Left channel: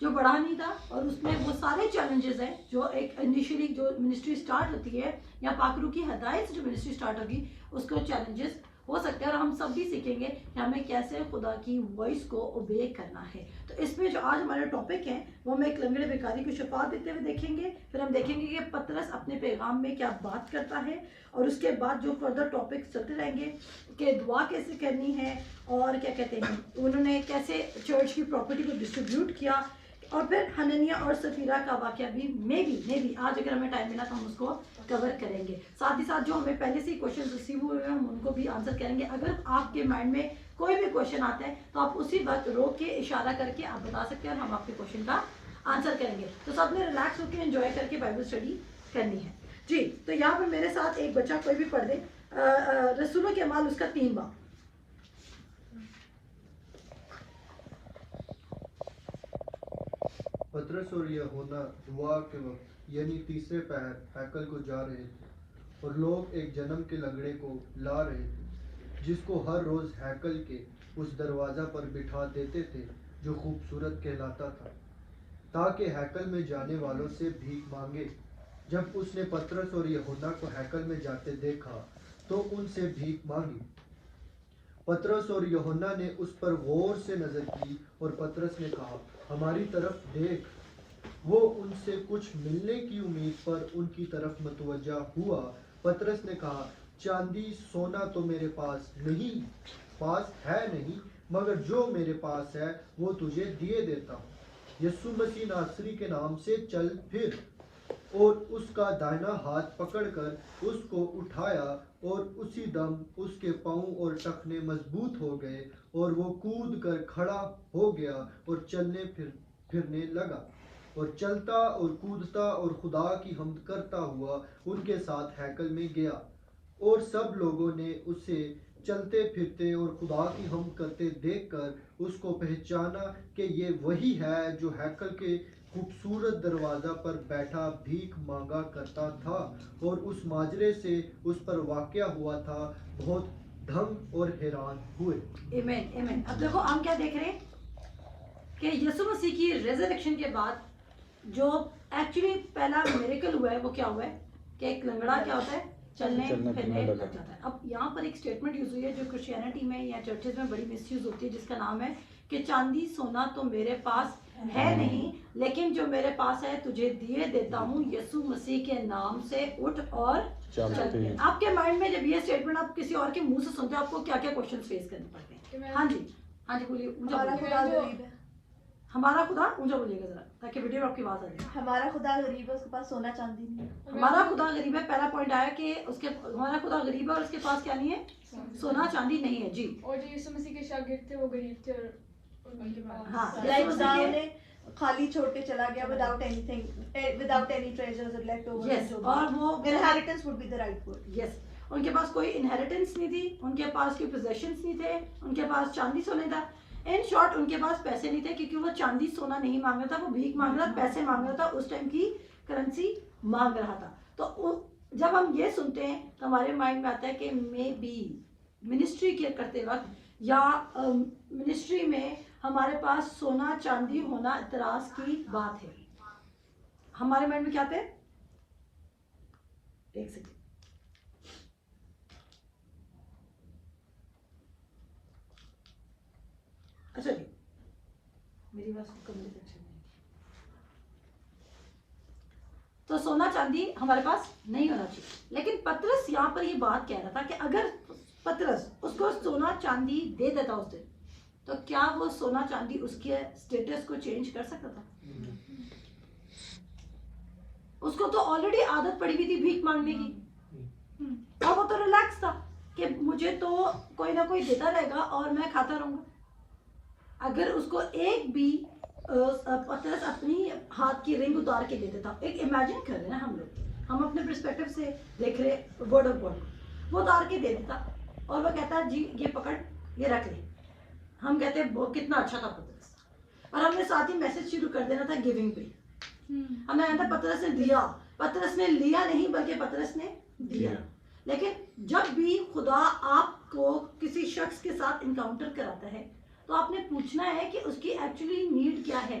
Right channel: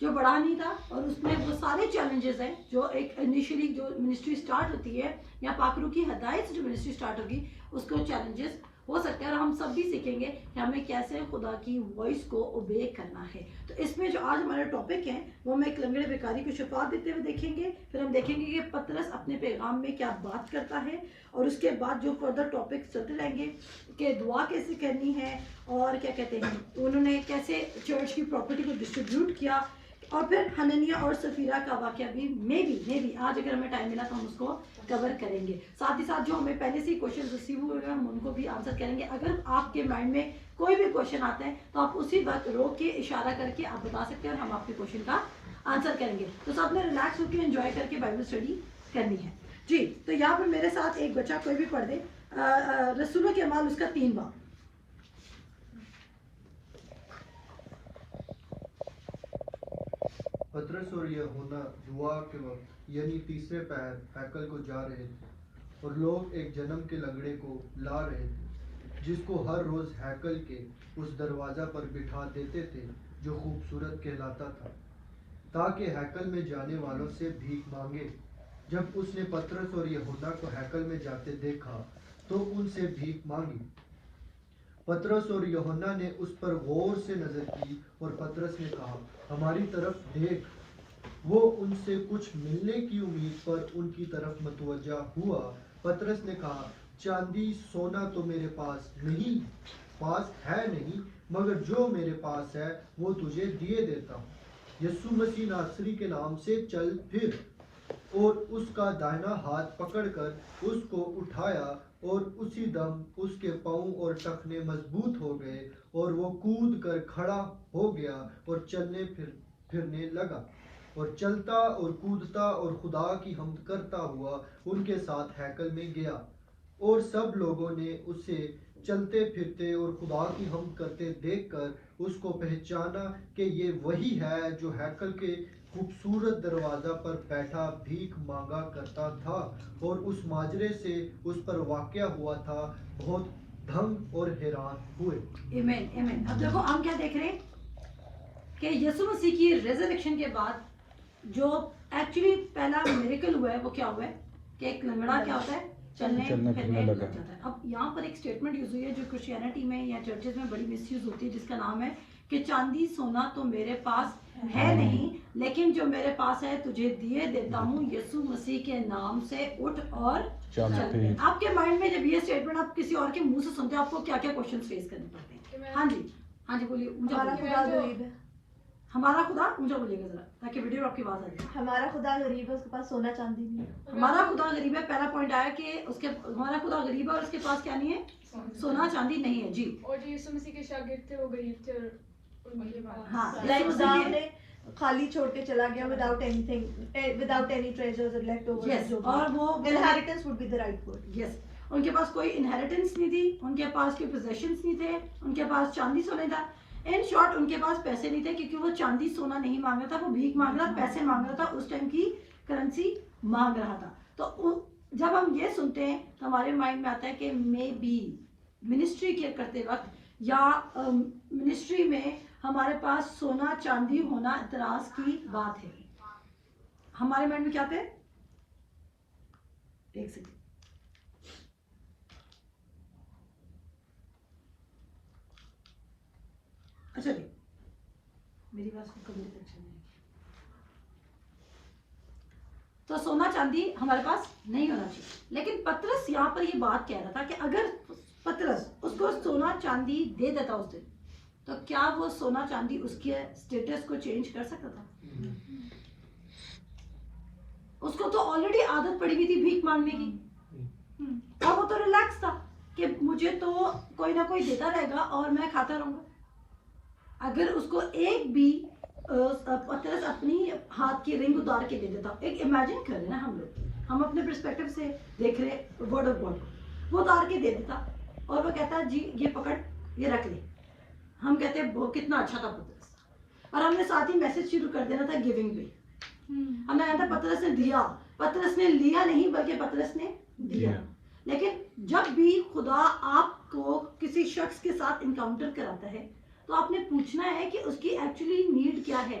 جو بڑا نہیں تھا, اور اس میں وہ سارے چیلنجز ہیں جو ایک انیشلی جو منسٹری اسٹارٹ ہوتی ہے یا پاکرو کی ہدایت سے جو منسٹری اسٹارٹ ہوگی اس کو چیلنجز ہو سکتے ہیں, اور ہم سب بھی سیکھیں گے کہ ہمیں کیسے خدا کی وائس کو اوبے کرنا ہے. تو اس میں جو آج ہمارے ٹاپک ہیں وہ ہم ایک لنگڑے بیکاری کو شفا دیتے ہوئے دیکھیں گے, پھر ہم دیکھیں گے کہ پطرس اپنے پیغام میں کیا بات کرتا ہے, اور اس کے بعد جو فردر ٹاپکس چلتے رہیں گے کہ دعا کیسے کرنی ہے, اور کیا کہتے ہیں انہوں نے کیسے چرچ کی پراپرٹی کو ڈسٹریبیوٹ کیا, اور پھر حنانیہ اور سفیرہ کا واقعہ بھی میں بھی آج اگر ہمیں ٹائم ملا تو ہم اس کو کور کریں گے. ساتھ ہی ساتھ جو ہمیں پہلے سے ہی کوشچن ریسیو ہوئے ہیں ہم ان کو بھی آنسر کریں گے. اگر آپ کے مائنڈ میں کوئی بھی کوشچن آتا ہے تو آپ اسی وقت روک کے اشارہ کر کے آپ بتا سکتے ہیں اور ہم آپ کے کوشچن کا آنسر کریں گے. تو سب نے ریلیکس ہو کے انجوائے کر کے بائبل اسٹڈی کرنی ہے جی. تو یہاں پر میرے ساتھ ایک بچہ کوئی بھی پڑھ دے رسولوں کے اعمال اس کا 3 باب. پطرس اور یوحنا دعا کے وقت یعنی تیسرے پہر ہیکل کو جا رہے تھے, اور لوگ ایک جنم کے لنگڑے کو لا رہے تھے جس کو ہر روز ہیکل کے اس دروازہ پر بٹھا دیتے تھے جو خوبصورت کہلاتا تھا, تاکہ ہیکل میں جانے والوں سے بھیک مانگے. جب اس نے پطرس اور یوحنا کو ہیکل میں جاتے دیکھا تو ان سے بھیک مانگی. پطرس اور یوحنا نے اس پر غور سے نظر کی, اور پطرس نے کہا, ہماری طرف دیکھ. وہ ان سے کچھ ملنے کی امید پر ان کی طرف متوجہ ہوا. پطرس نے کہا, چاندی سونا تو میرے پاس ہے نہیں, مگر جو میرے پاس ہے وہ تجھے دیے دیتا ہوں. یسوع مسیح ناصری کے نام سے چل پھر. اور اس کا دائنا ہاتھ پکڑ کر اس کو اٹھایا, اور اسی دم اس کے پاؤں اور ٹخنے مضبوط ہو گئے, اور وہ کود کر کھڑا ہو گیا اور چلنے پھرنے لگا, اور چلتا اور کودتا اور خدا کی حمد کرتا ہوا ان کے ساتھ ہیکل میں گیا. اور سب لوگوں نے اسے چلتے پھرتے اور خدا کی حمد کرتے دیکھ کر اس کو پہچانا کہ یہ وہی ہے جو ہیکل کے خوبصورت دروازہ پر بیٹھا بھیک مانگا کرتا تھا, اور اس ماجرے سے اس پر واقع ہوا تھا بہت دھنگ اور حیران ہوئے. Amen amen. اب دیکھو ہم کیا دیکھ رہے ہیں کہ یسوع مسیح کی ریزریکشن کے بعد جو ایکچولی پہلا میریکل ہوا ہے وہ کیا ہوا ہے کہ ایک لنگڑا کیا ہوتا ہے, چلنے پھرنے لگ جاتا ہے. اب یہاں پر ایک سٹیٹمنٹ یوز ہوئی ہے جو کرسچینٹی میں یا چرچز میں بڑی مس یوز ہوتی ہے, جس کا نام ہے کہ چاندی سونا تو میرے پاس ہے نہیں, لیکن جو میرے پاس ہے تجھے دیے دیتا ہوں. یسوع مسیح کے نام سے اٹھ اور چل پھر. آپ کے مائنڈ میں جب یہ اسٹیٹمنٹ آپ کسی اور کے منہ سے سنتے ہیں آپ کو کیا کیا کوشچن فیس کرنے پڑتے ہیں؟ ہاں جی بولیے. ہمارا خدا اونچا بولیے گا ذرا تاکہ ویڈیو آپ کی آواز آ جائے. ہمارا خدا غریب ہے, اس کے پاس سونا چاندی نہیں ہے. ہمارا خدا غریب ہے, پہلا پوائنٹ آیا کہ ہمارا خدا غریب ہے اور اس کے پاس کیا نہیں ہے, سونا چاندی نہیں ہے. جی. اور جو یسوع مسیح کے شاگرد تھے وہ غریب تھے, اور ہاں خالی چھوڑ کے چلا گیا without anything, without any treasures left over. Yes, اور وہ inheritance would be the right word. Yes, ان کے پاس کوئی انہیریٹنس نہیں تھی, ان کے پاس کوئی پوزیشنز نہیں تھے, ان کے پاس چاندی سونا تھا. ان شارٹ ان کے پاس پیسے نہیں تھے, کیونکہ وہ چاندی سونا نہیں مانگ رہا تھا, وہ بھیک مانگ رہا, پیسے مانگ رہا تھا, اس ٹائم کی کرنسی مانگ رہا تھا. تو جب ہم یہ سنتے ہیں تو ہمارے مائنڈ میں آتا ہے کہ مے بی منسٹری کے کرتے وقت یا منسٹری میں ہمارے پاس سونا چاندی ہونا اعتراض کی بات ہے. ہمارے مائنڈ میں کیا آتا ہے, ایک سیکنڈ. اچھا جی, میری بات کو کمرے تک چلے. تو سونا چاندی ہمارے پاس نہیں ہونا چاہیے, لیکن پطرس یہاں پر یہ بات کہہ رہا تھا کہ اگر پطرس اس کو سونا چاندی دے دیتا اس دن, تو کیا وہ سونا چاندی اس کے اسٹیٹس کو چینج کر سکتا تھا؟ اس کو تو آلریڈی عادت پڑی ہوئی تھی بھیک مانگنے کی, اور وہ تو ریلیکس تھا کہ مجھے تو کوئی نہ کوئی دیتا رہے گا اور میں کھاتا رہوں گا. اگر اس کو ایک بھی پطرس اپنی ہاتھ کی رنگ اتار کے دے دیتا, ایک امیجن کر رہے ہیں ہم لوگ, ہم اپنے پرسپیکٹو سے دیکھ رہے ورڈ آف گاڈ کو, وہ اتار کے دے دیتا اور وہ کہتا جی یہ پکڑ یہ رکھ لے. ہم کہتے ہیں وہ کتنا اچھا تھا پطرس, اور ہم نے ساتھ ہی میسج شروع کر دینا تھا گیونگ پہ. ہم نے کہا تھا پطرس نے دیا, پطرس نے لیا نہیں بلکہ پطرس نے دیا. لیکن جب بھی خدا آپ کو کسی شخص کے ساتھ انکاؤنٹر کراتا ہے تو آپ نے پوچھنا ہے کہ اس کی ایکچولی نیڈ کیا ہے.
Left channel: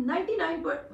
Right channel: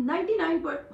99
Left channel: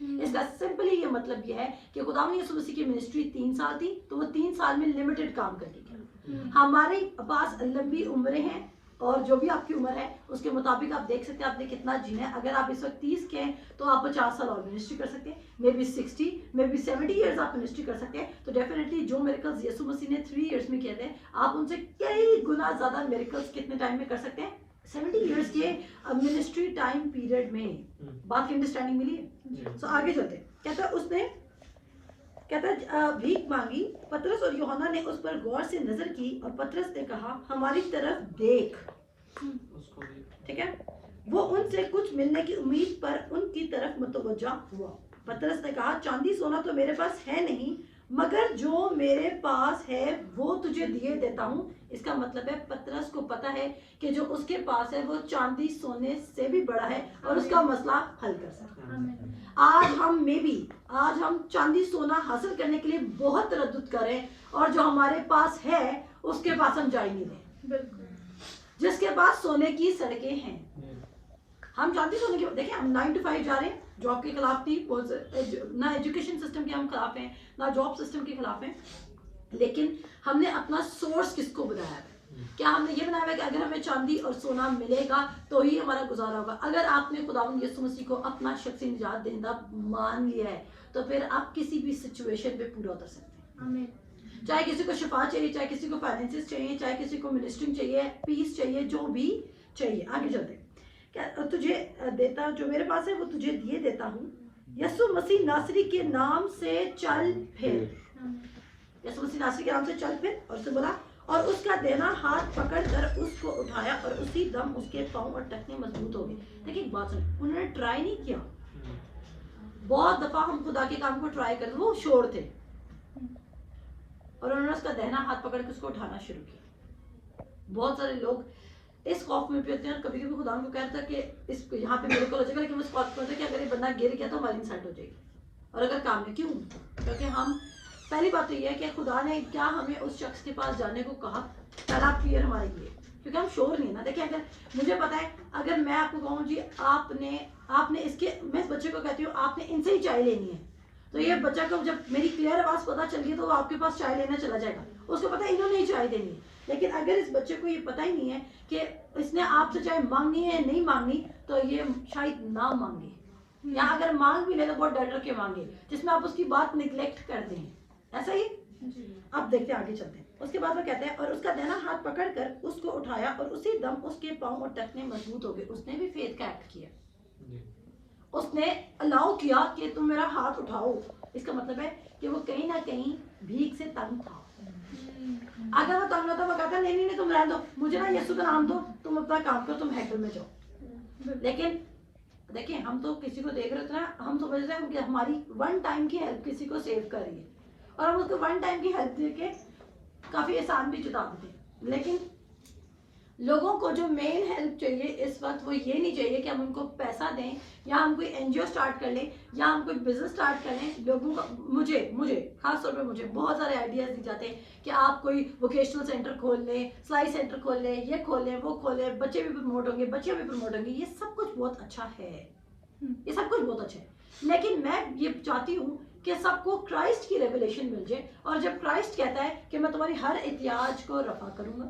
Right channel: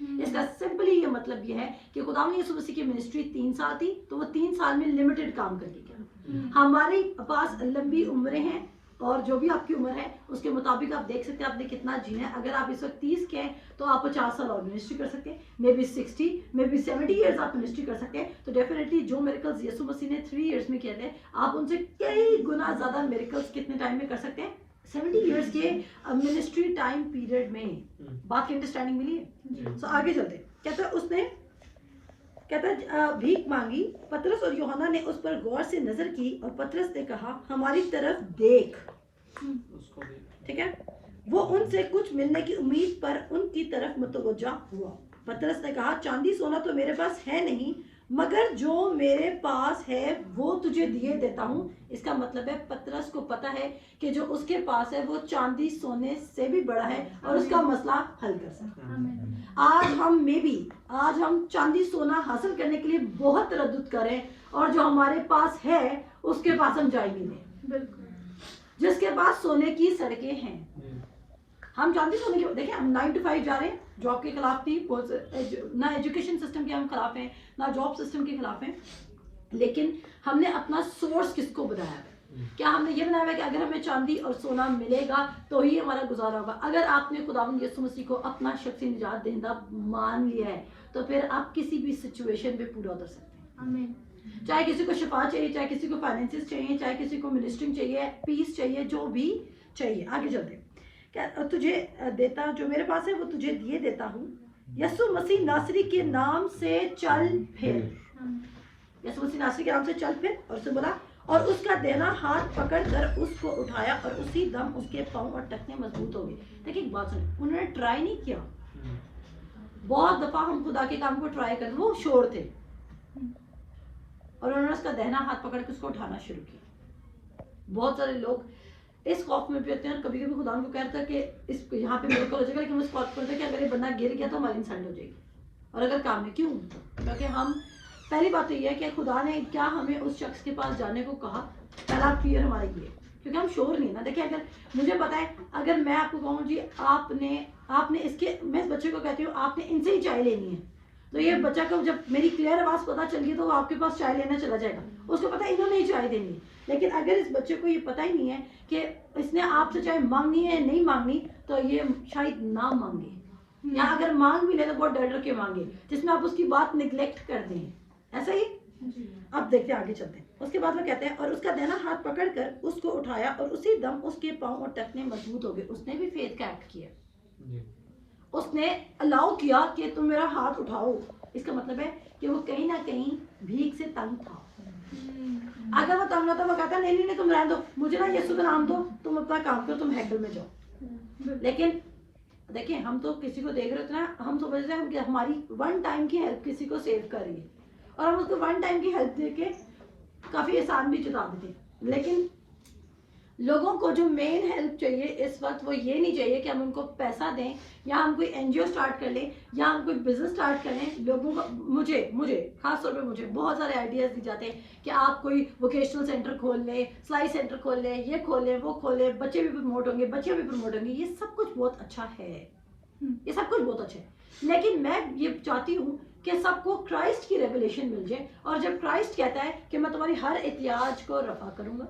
اس کا سمپلی یہ مطلب یہ ہے کہ خدا یسوع مسیح کی منسٹری 3 سال تھی تو وہ 3 سال میں لمیٹڈ کام کر کے کیا. ہمارے پاس لمبی عمریں ہیں اور جو بھی آپ کی عمر ہے اس کے مطابق آپ دیکھ سکتے ہیں آپ نے کتنا جینا ہے. اگر آپ اس وقت 30 کے ہیں تو آپ 50 سال اور منسٹری کر سکتے ہیں, may be 60 may be 70 years آپ منسٹری کر سکتے ہیں. تو ڈیفینیٹلی جو میریکلز یسوع مسیح نے 3 ایئرز میں کیے تھے آپ ان سے کئی گنا زیادہ میریکلز کتنے ٹائم میں کر سکتے ہیں 70 ایئرز کے منسٹری ٹائم پیریڈ میں. بات کی انڈرسٹینڈنگ ملی ہے؟ سو آگے چلتے ہیں. کہتا ہے اس نے بھیک مانگی. پطرس اور یوحنا نے اس پر غور سے نظر کی اور پطرس نے کہا ہماری طرف دیکھ. ٹھیک ہے, وہ ان سے کچھ ملنے کی امید پر ان کی طرف متوجہ ہوا. پطرس نے کہا چاندی سونا تو میرے پاس ہے نہیں مگر جو میرے پاس ہے وہ تجھے دیے دیتا ہوں. اس کا مطلب ہے پطرس کو پتا ہے کہ جو اس کے پاس ہے وہ چاندی سونے سے بھی بڑا ہے اور اس کا مسئلہ حل کر سکتا ہے. آج ہم چاندی سونا حاصل کرنے کے لیے بہت تردد کر رہے ہیں اور جو ہمارے پاس ہے اس کے پاس ہم جائے نہیں دیں. بالکل. جس کے پاس سونے کی سڑکیں ہیں, ہم چاندی سونے کے دیکھیں ہم 9 to 5 جا رہے ہیں, جاب کے خلاف نہیں, نہ ایجوکیشن سسٹم کے ہم خلاف ہیں نہ جاب سسٹم کے خلاف ہیں, لیکن ہم نے اپنا سورس کس کو بنایا ہے؟ کیا ہم نے یہ بنایا ہے کہ اگر ہمیں چاندی اور سونا ملے گا تو ہی ہمارا گزارا ہوگا؟ اگر آپ نے خداوند یسوع مسیح کو اپنا شخصی نجات دہندہ مان لیا ہے تو پھر آپ کسی بھی سچویشن پہ پورا اتر سکتے ہیں. آمین. چاہے کسی کو شفا چاہیے, چاہے کسی کو فائنینسز چاہیے, چاہے کسی کو منسٹرنگ چاہیے, پیس چاہیے, جو بھی چاہیے. آگے چلتے ہیں. تجھے دیتا جو میرے پاس ہے وہ تجھے دیے دیتا ہوں. یسوع مسیح ناصری کے نام سے چل پھر. یسوع مسیح ناصری کے نام سے چل پھر اور اسے بولا اور اس کا دینا ہاتھ پکڑ کر اس کو اٹھایا اور اسی دم اس کے پاؤں اور ٹخنے مضبوط ہو گئے. دیکھیں ایک بات سنیں, انہوں نے ٹرائی نہیں کیا. بہت دفعہ ہم خدا کے کام کو ٹرائی کرتے, وہ شور تھے اور انہوں نے اس کا دہنا ہاتھ پکڑ کے اس کو اٹھانا شروع کیا. بہت سارے لوگ اس خوف میں بھی ہوتے ہیں اور کبھی کبھی خدا ان کو کہتا ہے کہ اس یہاں پہ میرے کو ہو جائے گا, لیکن اس خوف کرتے ہیں کہ اگر یہ بندہ گر گیا تو ہماری انسلٹ ہو جائے گی. اور اگر کام میں کیوں, کیونکہ ہم پہلی بات تو یہ ہے کہ خدا نے کیا ہمیں اس شخص کے پاس جانے کو کہا, پہلا کلیئر ہمارے لیے, کیونکہ ہم شور نہیں نا. دیکھیں اگر مجھے پتا ہے, اگر میں آپ کو کہوں جی آپ نے اس کے, میں اس بچے کو کہتی ہوں آپ نے ان سے ہی چائے لینی ہے, تو یہ بچہ کو جب میری کلیئر آواز پتا چل گئی تو وہ آپ کے پاس چائے لینا چلا جائے گا. اس کو پتا ہے انہوں نے ہی چائے دینی ہے. لیکن اگر اس بچے کو یہ پتا ہی نہیں ہے کہ اس نے آپ سے چائے مانگنی ہے نہیں مانگنی, تو یہ شاید نہ مانگے, یا اگر مانگ بھی لے تو بہت ڈر ڈر کے مانگے, جس میں آپ اس کی بات نگلیکٹ کر دیں. ایسا ہی. اب دیکھتے ہیں آگے چلتے ہیں. اس کے بعد وہ کہتے ہیں اور اس کا دہنا ہاتھ پکڑ کر اس کو اٹھایا اور اسی دم اس کے پاؤں اور ٹخنے مضبوط ہو گئے. اس نے بھی فیتھ کا ایکٹ کیا, اس نے الاؤ کیا کہ تم میرا ہاتھ اٹھاؤ. اس کا مطلب ہے کہ وہ کہیں نہ کہیں بھیک سے تنگ تھا. اگر وہ تنگ تھا وہ کہتا نہیں نہیں تم رہنے دو, مجھے نا یسوع کا نام دو, تم اپنا کام کرو, تم ہیکل میں جاؤ. لیکن دیکھیں ہم تو کسی کو دیکھ رہے ہوتے ہیں, ہم سمجھتے ہیں کہ ہماری 1 ٹائم کی ہیلپ کسی کو سیو کر رہی ہے اور ہم اس کو 1 ٹائم کی ہیلپ دے کے کافی احسان بھی جتا دیتے ہیں. لیکن لوگوں کو جو مین ہیلپ چاہیے اس وقت وہ یہ نہیں چاہیے کہ ہم ان کو پیسہ دیں یا ہم کوئی NGO اسٹارٹ کر لیں یا ہم کوئی بزنس اسٹارٹ کر لیں. لوگوں کو مجھے خاص طور پہ مجھے بہت سارے آئیڈیاز دی جاتے ہیں کہ آپ کوئی ووکیشنل سینٹر کھول لیں, سلائی سینٹر کھول لیں, یہ کھول لیں, وہ کھول لیں, بچے بھی پروموٹ ہوں گے, بچے بھی پروموٹ ہوں گے. یہ سب کچھ بہت اچھا ہے, یہ سب کچھ بہت اچھا ہے, لیکن میں یہ چاہتی ہوں کہ سب کو کرائسٹ کی ریویلیشن مل جائے. اور جب کرائسٹ کہتا ہے کہ میں تمہاری ہر احتیاج کو رفع کروں گا,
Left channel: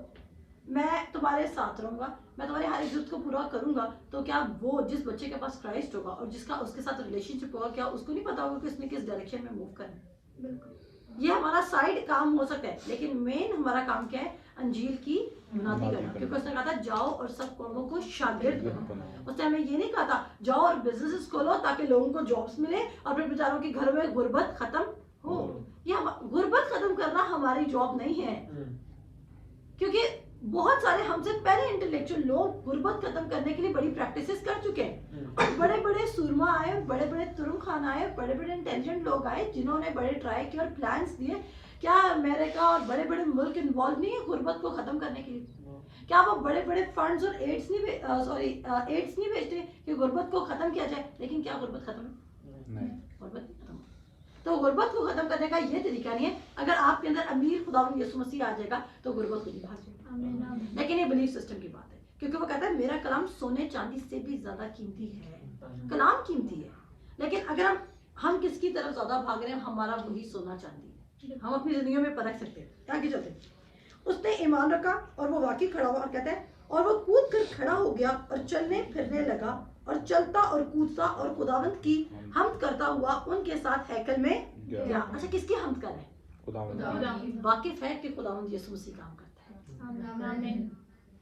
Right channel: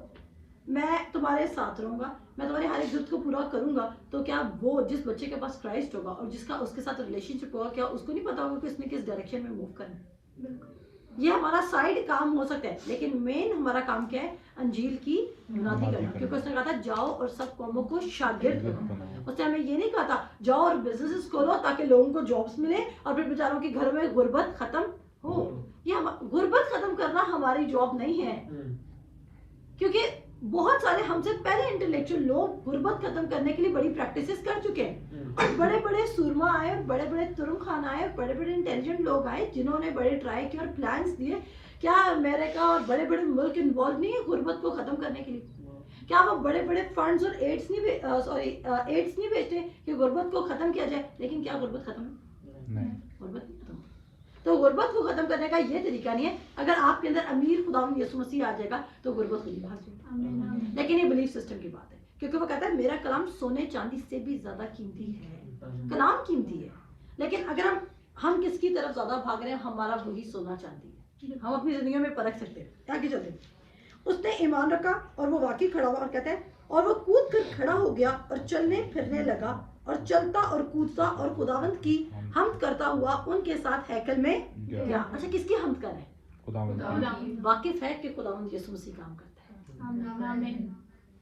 میں تمہارے ساتھ رہوں گا, میں تمہاری ہر ایک ضرورت کو پورا کروں گا, تو کیا وہ جس بچے کے پاس کرائسٹ ہوگا اور جس کا اس کے ساتھ ریلیشن شپ ہوگا, کیا اس کو نہیں پتا ہوگا کہ اس نے کس ڈائریکشن میں موو کرنا ہے؟ بالکل. یہ ہمارا سائڈ کام ہو سکتا ہے, لیکن مین ہمارا کام کیا ہے؟ انجیل کی منادی کرنا. کیونکہ اس نے کہا تھا جاؤ اور سب قوموں کو شاگرد بناؤ. اس نے ہمیں یہ نہیں کہا تھا جاؤ اور بزنس کھولو تاکہ لوگوں کو جابس ملے اور پھر بیچاروں کے گھروں میں غربت ختم ہو. یہ غربت ختم کرنا ہماری جاب نہیں ہے, کیونکہ بہت سارے ہم سے پہلے انٹلیکچوئل لوگ غربت ختم کرنے کے لیے بڑی پریکٹسز کر چکے ہیں. اور بڑے بڑے سورما آئے اور بڑے بڑے ترم خان آئے, بڑے بڑے انٹیلیجنٹ لوگ آئے جنہوں نے بڑے ٹرائی کیے اور پلانس دیے. کیا امریکہ اور بڑے بڑے ملک انوالو نہیں ہے غربت کو ختم کرنے کے لیے؟ کیا وہ بڑے بڑے فنڈز اور ایڈس نہیں بھیجتے کہ غربت کو ختم کیا جائے؟ لیکن کیا غربت ختم ہے؟ غربت نہیں ختم. تو غربت کو ختم کرنے کا یہ طریقہ نہیں ہے. اگر آپ کے اندر امیر خداوند یسوع مسیح آ جائے گا تو غربت خود ہی بھاگ جائے گا. لیکن یہ بلیف سسٹم کی بات ہے, کیونکہ وہ کہتا ہے میرا کلام سونے چاندی سے بھی زیادہ قیمتی ہے. کلام قیمتی ہے, لیکن اگر ہم ہم کس کی طرف زیادہ بھاگ رہے ہیں, ہمارا وہی سونا چاندی ہے. ہم اپنی زندگیوں میں پرکھ سکتے ہیں. آگے چلتے ہیں. اس نے ایمان رکھا اور وہ واقعی کھڑا ہوا, اور کہتا ہے اور وہ کود کر کھڑا ہو گیا اور چلنے پھرنے لگا اور چلتا اور کودتا اور خداوند کی حمد کرتا ہوا ان کے ساتھ ہیکل میں گیا. اچھا, کس کی حمد کر رہا ہے؟ واقف ہے کہ خداوند یسوع مسیح کام کرتا ہے. آمین.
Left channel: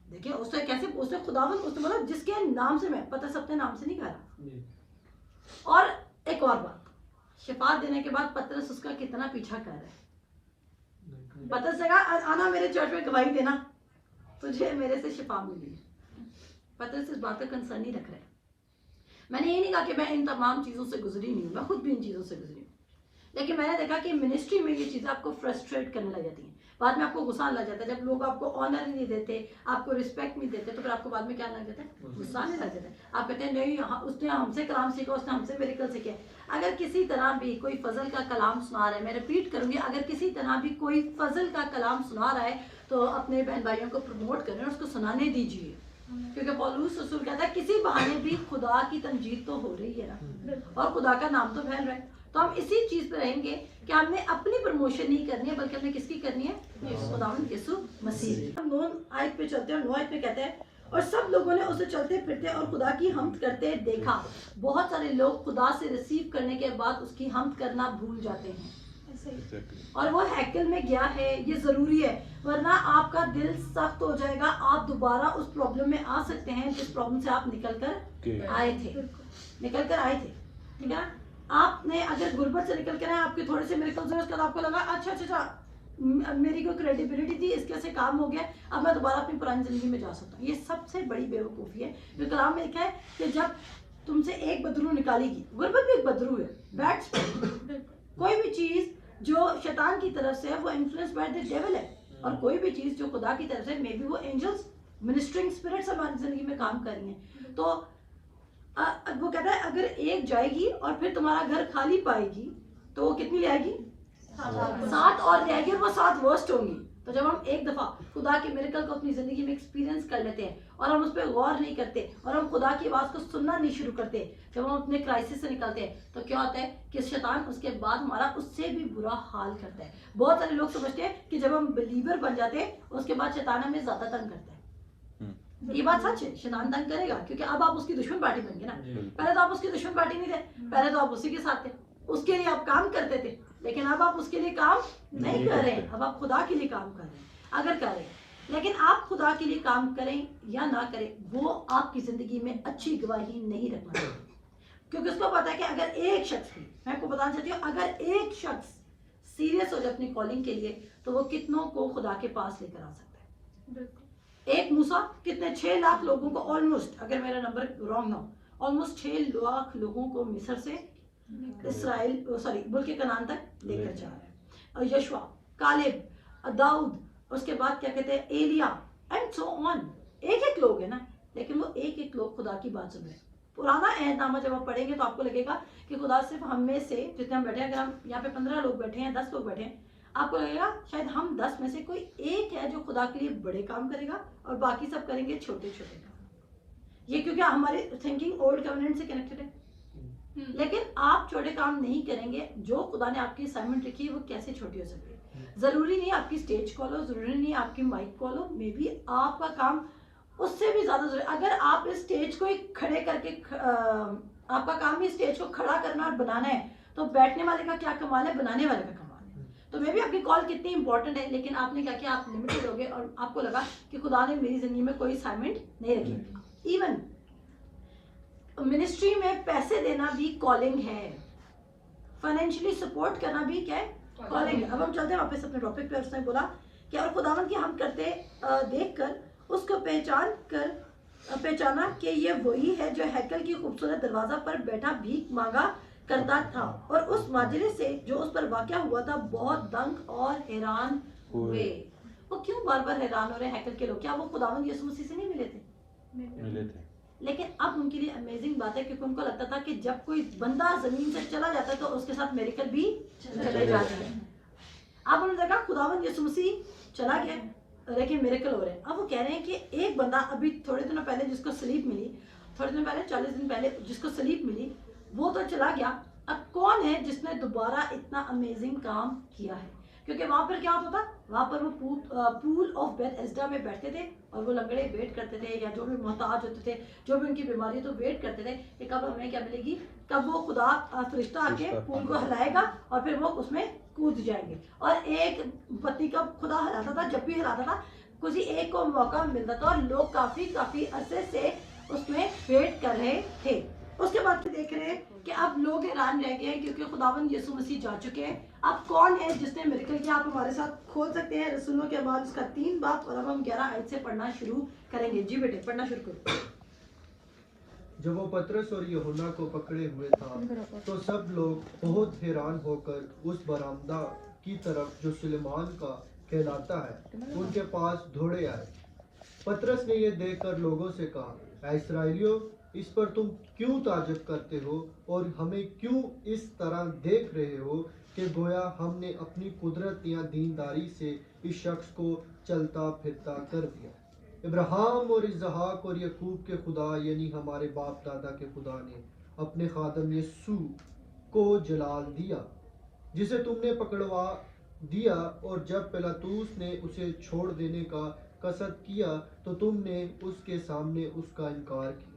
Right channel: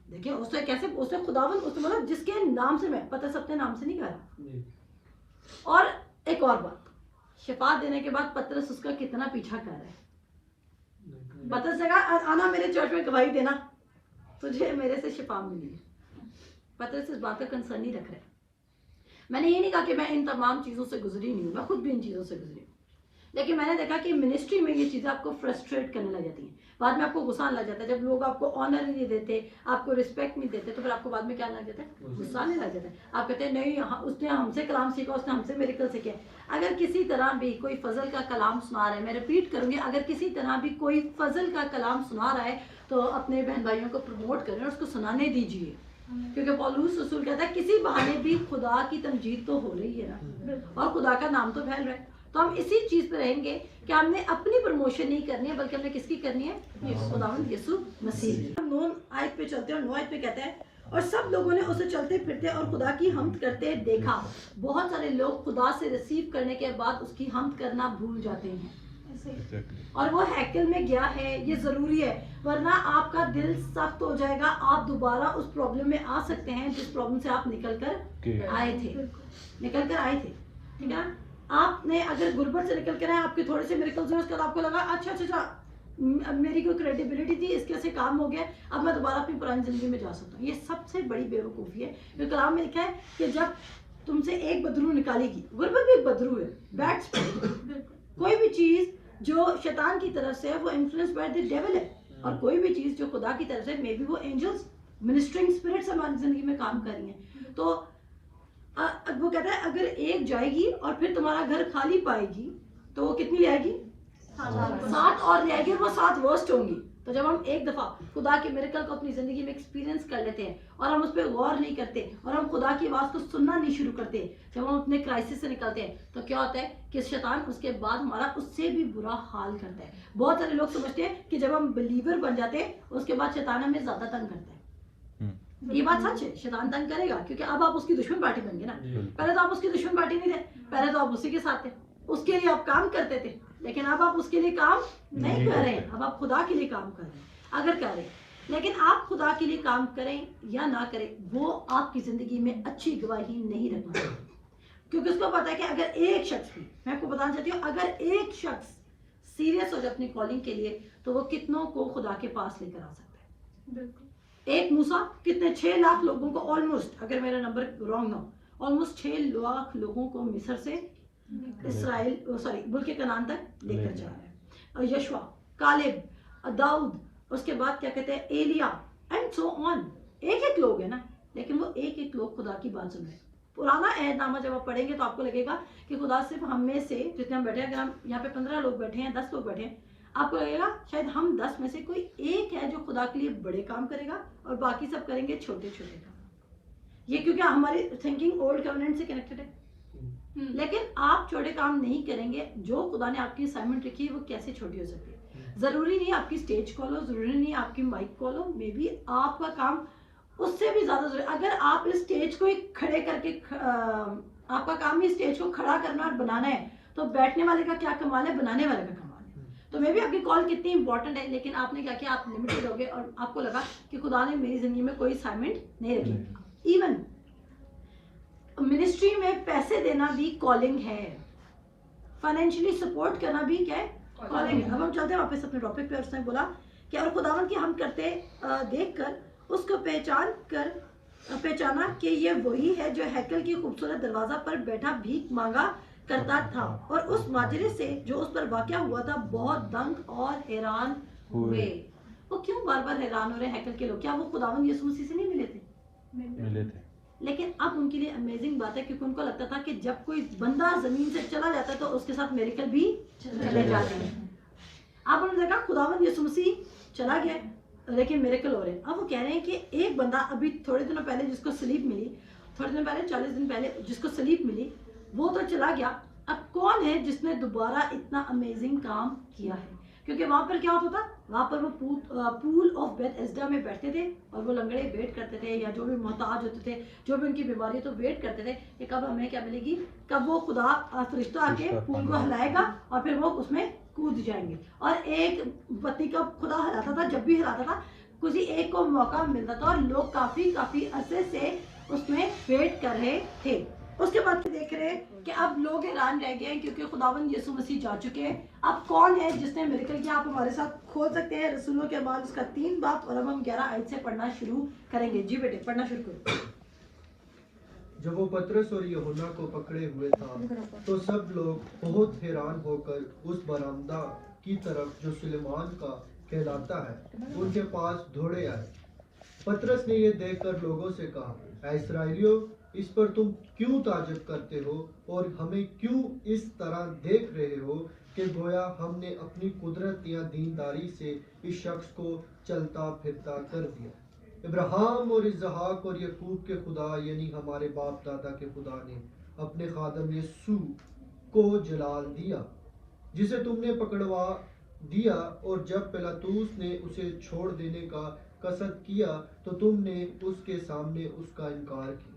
دیکھیں اس نے کیسے, اس نے خداوند, اس نے بولا جس کے نام سے, میں پتہ سب نام سے نہیں کہہ رہا. اور ایک اور بات, شفا دینے کے بعد پترس اس کا کتنا پیچھا کر رہا ہے. پترس نے کہا آنا میرے چرچ میں گواہی دینا, تجھے میرے سے شفا ملی. پترس اس بات کا کنسرن نہیں رکھ رہے. میں نے یہ نہیں کہا کہ میں ان تمام چیزوں سے گزری نہیں ہوں, میں خود بھی ان چیزوں سے گزری ہوں, لیکن میں نے دیکھا کہ منسٹری میں یہ چیزیں آپ کو فرسٹریٹ کرنے لگ جاتی ہیں. بعد میں آپ کو غصہ لگ جاتا ہے, جب لوگ آپ کو آنر نہیں دیتے, آپ کو رسپیکٹ نہیں دیتے, تو پھر آپ کو بعد میں کیا لگ جاتا ہے, غصہ نہیں لگ جاتا ہے. آپ کہتے ہیں نہیں اس نے ہم سے کلام سیکھا, اس نے ہم سے میریکل سیکھے. اگر کسی طرح بھی کوئی فضل کا کلام سنا رہا ہے, میں ریپیٹ کروں گی, اگر کسی طرح بھی کوئی فضل کا کلام سنا رہا ہے تو اپنے بہن بھائیوں کو پروموٹ کریں اور اس کو سنانے دیجیے, کیونکہ پولس رسول کہتا ہے کسی بہانے بھی خدا کی تمجید تو ہو رہی ہے نا, اور خدا کا نام تو پھیل رہا ہے. تو ہم اسی چیز پہ رہیں گے کہ ہم نے اپنی پروموشن نہیں کرنی ہے, بلکہ ہمیں کس کی کرنی ہے, خداوند یسوع مسیح کی. ہم 9 آیت پہ چلتے ہیں, اور 9 آیت پہ کہتا ہے اور سب لوگوں نے اسے چلتے پھرتے اور خدا کی حمد کرتے دیکھا. بہت سارے لوگ خدا سے ریسیو کرنے کے بعد اس کی حمد کرنا بھول جاتے ہیں, اور وہ ہیکل میں گیا ہے, یہ ضروری ہے, ورنہ آپ کا دل سخت ہو جائے گا. آپ دوبارہ اس پرابلم میں آ سکتے ہیں جس پرابلم سے آپ نکل کر آئے تھے. ٹھیک ہے. آپ نے اگر غربت سے نکل کر آئے, آپ کے تھوڑے سے میریکلز ہوئے, اس کے بعد آپ کو لگا اچھا میری کوئی کریڈیبلٹی تھی, اس کے سے کام ہو گیا, اب میں دوبارہ اپنی پرانی زندگی میں جا سکتا ہوں. یہ سب سے بڑی بے وقوفی ہے. جو کلام میں لکھا ہے کہ جب تم سے ایک بدرو نکالے گی, غربت بھی ایک بدرو ہے, بیڈ کوئی بھی چیز جو شیطان کی طرف سے ہے وہ انفلوئنس بائی دی ڈیول ہے, اور کوئی بھی چیز جو خدا کی طرف سے, مے بی وہ اینجلز منسٹرنگ اسپرٹس ہماری زندگی میں کام کر رہی ہیں. تو وہ کہتا ہے اگر ایک جائے گی اور پھر تمہارا گھر خالی پائے گی تو وہ کتنی لے آئے گی, 7 اور لے آئے گی, اور وہ 7 ورسٹ ہوں گی. تو جب ہم ایک دفعہ خدا کے میریکل کو اپنی زندگی میں ایکسپیرینس کر لیتے ہیں اور ہم اس پہ غور نہیں کرتے اور ہم خدا کی آواز کو سننا نہیں شروع کرتے, جب ہم اپنے کرائسس سے نکلتے ہیں تو کیا ہوتا ہے کہ شیطان اس کے بعد ہمارا اس سے بھی برا حال کرتا ہے. بہت سارے لوگ سمجھتے ہیں کہ جب ہم بلیور بن جاتے ہیں اس کے بعد شیطان ہمیں زیادہ تنگ کرتا ہے. یہ بات سچ ہے, شیطان تنگ کرے گا, کیونکہ اب آپ اس کی دشمن پارٹی بن گئے نا. پہلے تو آپ اس کی دشمن پارٹی نہیں تھے, پہلے تو آپ اسی کے ساتھ تھے, اس کے لیے آپ کام کرتے تھے, لیکن اب آپ اس کے لیے کام نہیں کر رہے ہیں, اب آپ خدا کے لیے کام کر رہے ہیں. اگر کر رہے ہیں, لیکن آپ خدا کے لیے کام کریں یا نہ کریں, وہ آپ کی زندگی میں اچھی گواہی نہیں رکھنا, کیونکہ اس کو پتا ہے کہ اگر ایک شخص بھی, میں آپ کو بتانا چاہتی ہوں, اگر ایک شخص سیریس ہو جائے اپنی کالنگ کے لیے تو وہ کتنوں کو خدا کے پاس لے کر آ سکتا ہے. ایک موسیٰ کتنے 6 لاکھ لوگوں کو, آلموسٹ, اگر میرا نمبر رانگ نہ ہو, آلموسٹ 6 لاکھ لوگوں کو مصر سے اسرائیل ملک کنعان تک لے کر جا رہا ہے. اور یشوع, کالب, داؤد, اس کے بعد کیا کہتے ہیں ایلیا, اینڈ سو آن. ایک لوگ ہیں نا, لیکن وہ ایک لوگ خدا کی بات سن رہے ہیں. پرانا عہد نامہ جب آپ پڑھیں گے تو آپ کو لگے گا کہ خدا صرف ہم میں سے جتنے ہم بیٹھے ہیں, اگر ہم یہاں پہ 15 لوگ بیٹھے ہیں, 10 لوگ بیٹھے ہیں, آپ کو لگے گا شاید ہم 10 میں سے کوئی ایک ہے جو خدا کے لیے بڑے کام کرے گا اور باقی سب کریں گے چھوٹے چھوٹے کام. یہ کیونکہ ہماری تھنکنگ اولڈ کوننٹ سے کنیکٹڈ ہے. لیکن آپ چھوٹے کام نہیں کریں گے, جو خدا نے آپ کی اسائنمنٹ رکھی ہے وہ کیسے چھوٹی ہو سکتی ہے. ضروری نہیں آپ کی اسٹیج کھولو, ضروری نہیں آپ کی مائک کھولو, مے بی آپ کا کام اس سے بھی زیادہ ضروری. اگر آپ اس اسٹیج کو کھڑے کر کے, آپ کا کام ہی اسٹیج کو کھڑا کرنا اور بنانا ہے, تو بیٹھنے والے کا کیا کمال ہے, بنانے والے کا کمال ہے. تو میں بھی آپ کی کال کتنی امپورٹنٹ ہے, لیکن آپ نے کیا کیا, آپ لمیٹڈ ہو گئے اور آپ کو لگا کہ خدا نے میری زندگی میں کوئی اسائنمنٹ نہیں رکھی. ایون منسٹری میں پیسے دینا بھی کالنگ ہے, فائنینشلی سپورٹ کرنا بھی کیا ہے, کالنگ ہے. اب ہم چلتے ہیں واپس اپنے ٹاپک پہ. اس نے بولا کہ اور خداوند کی ہم کرتے دیکھ کر اس کو پہچانا کہ یہ وہی ہے جو ہیکل کی خوبصورت دروازہ پر بیٹھا بھیک مانگا کرتا تھا, اور اس ماجرے سے جو اس پر واقع ہوا تھا بہت دنگ اور حیران ہوئے. وہ کیوں بار بار حیران ہو رہے ہیکل کے لوگ, کیا وہ خداوند یسوع مسیح سے نہیں ملے تھے؟ لیکن اب ان کے لیے امیزنگ بات ہے, کیونکہ ان کو لگتا تھا کہ جب کوئی بندہ زمین سے چلا جاتا ہے تو اس کے ساتھ میریکل بھی چلے جاتے ہیں. اب انہوں نے دیکھا خداوند یسوع مسیح چلا گیا لیکن میریکل ہو رہے ہیں. اب وہ کہہ رہے ہیں کہ ایک بندہ ابھی تھوڑے دنوں پہلے جس کو سلیب ملی, تھوڑے دن پہلے 40 دن پہلے جس کو سلیب ملی, وہ تو چلا گیا, اب کون ہے جس نے دوبارہ اتنا امیزنگ کام کیا ہے؟ کیونکہ وہاں پر کیا ہوتا تھا، وہاں پر وہ پول آف بیتھ ایسڈا میں بیٹھتے تھے اور وہ لنگڑے ویٹ کرتے تھے، یا جو بھی محتاج ہوتے تھے، جو بھی ان کی بیماری تو ویٹ کرتے تھے کہ کب ہمیں کیا ملے گی، کب وہ خدا فرشتہ آ کے پول کو ہلائے گا اور پھر وہ اس میں کود جائیں گے. اور ایک پتی کا خدا ہلاتا تھا، جب بھی ہلاتا تھا کسی ایک کو موقع ملتا تھا، اور لوگ کافی عرصے سے اس میں ویٹ کر رہے تھے. اس کے بعد دیکھ رہے ہیں کہ اب لوگ حیران رہ گئے کیونکہ خداوند یسوع مسیح جا چکے ہیں. اب کون ہے جس نے میریکل کیا؟ آپ ہمارے ساتھ کھول سکتے ہیں رسولوں کے اعمال اس کا 3 باب، اور اب ہم 11 آیت سے پڑھنا شروع کریں گے. جی بیٹے پڑھنا شروع کرو. جب وہ پطرس اور یوحنا کو پکڑے ہوئے تھا تو سب لوگ بہت حیران ہو کر اس برآمدہ کی طرف جو سلیمان کا کہلاتا ہے ان کے پاس دوڑے آئے. پطرس نے یہ دیکھ کر لوگوں سے کہا، اے اسرائیلیوں، اس پر تم کیوں تعجب کرتے ہو اور ہمیں کیوں اس طرح دیکھ رہے ہو کہ گویا ہم نے اپنی قدرت یا دینداری سے اس شخص کو چلتا پھرتا کر دیا. ابراہیم اور اسحاق اور یعقوب کے خدا یعنی ہمارے باپ دادا کے خدا نے اپنے خادم یسوع کو جلال دیا، جسے تم نے پکڑوا دیا، اور جب پلاطوس نے اسے چھوڑ دینے کا قصد کیا تو تم نے اس کے سامنے اس کا انکار کیا.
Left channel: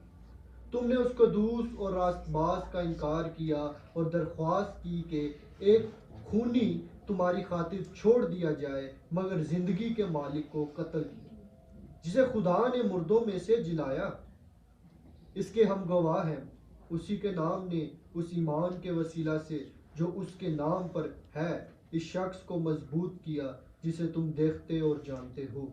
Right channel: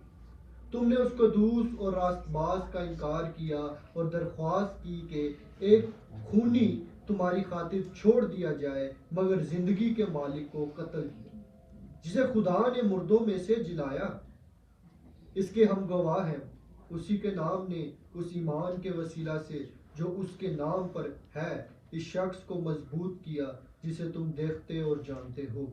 تم نے اس قدوس اور راست باز کا انکار کیا اور درخواست کی کہ ایک خونی تمہاری خاطر چھوڑ دیا جائے، مگر زندگی کے مالک کو قتل کیا جسے خدا نے مردوں میں سے جلایا. اس کے ہم گواہ ہیں. اسی کے نام نے اس ایمان کے وسیلہ سے جو اس کے نام پر ہے اس شخص کو مضبوط کیا جسے تم دیکھتے اور جانتے ہو.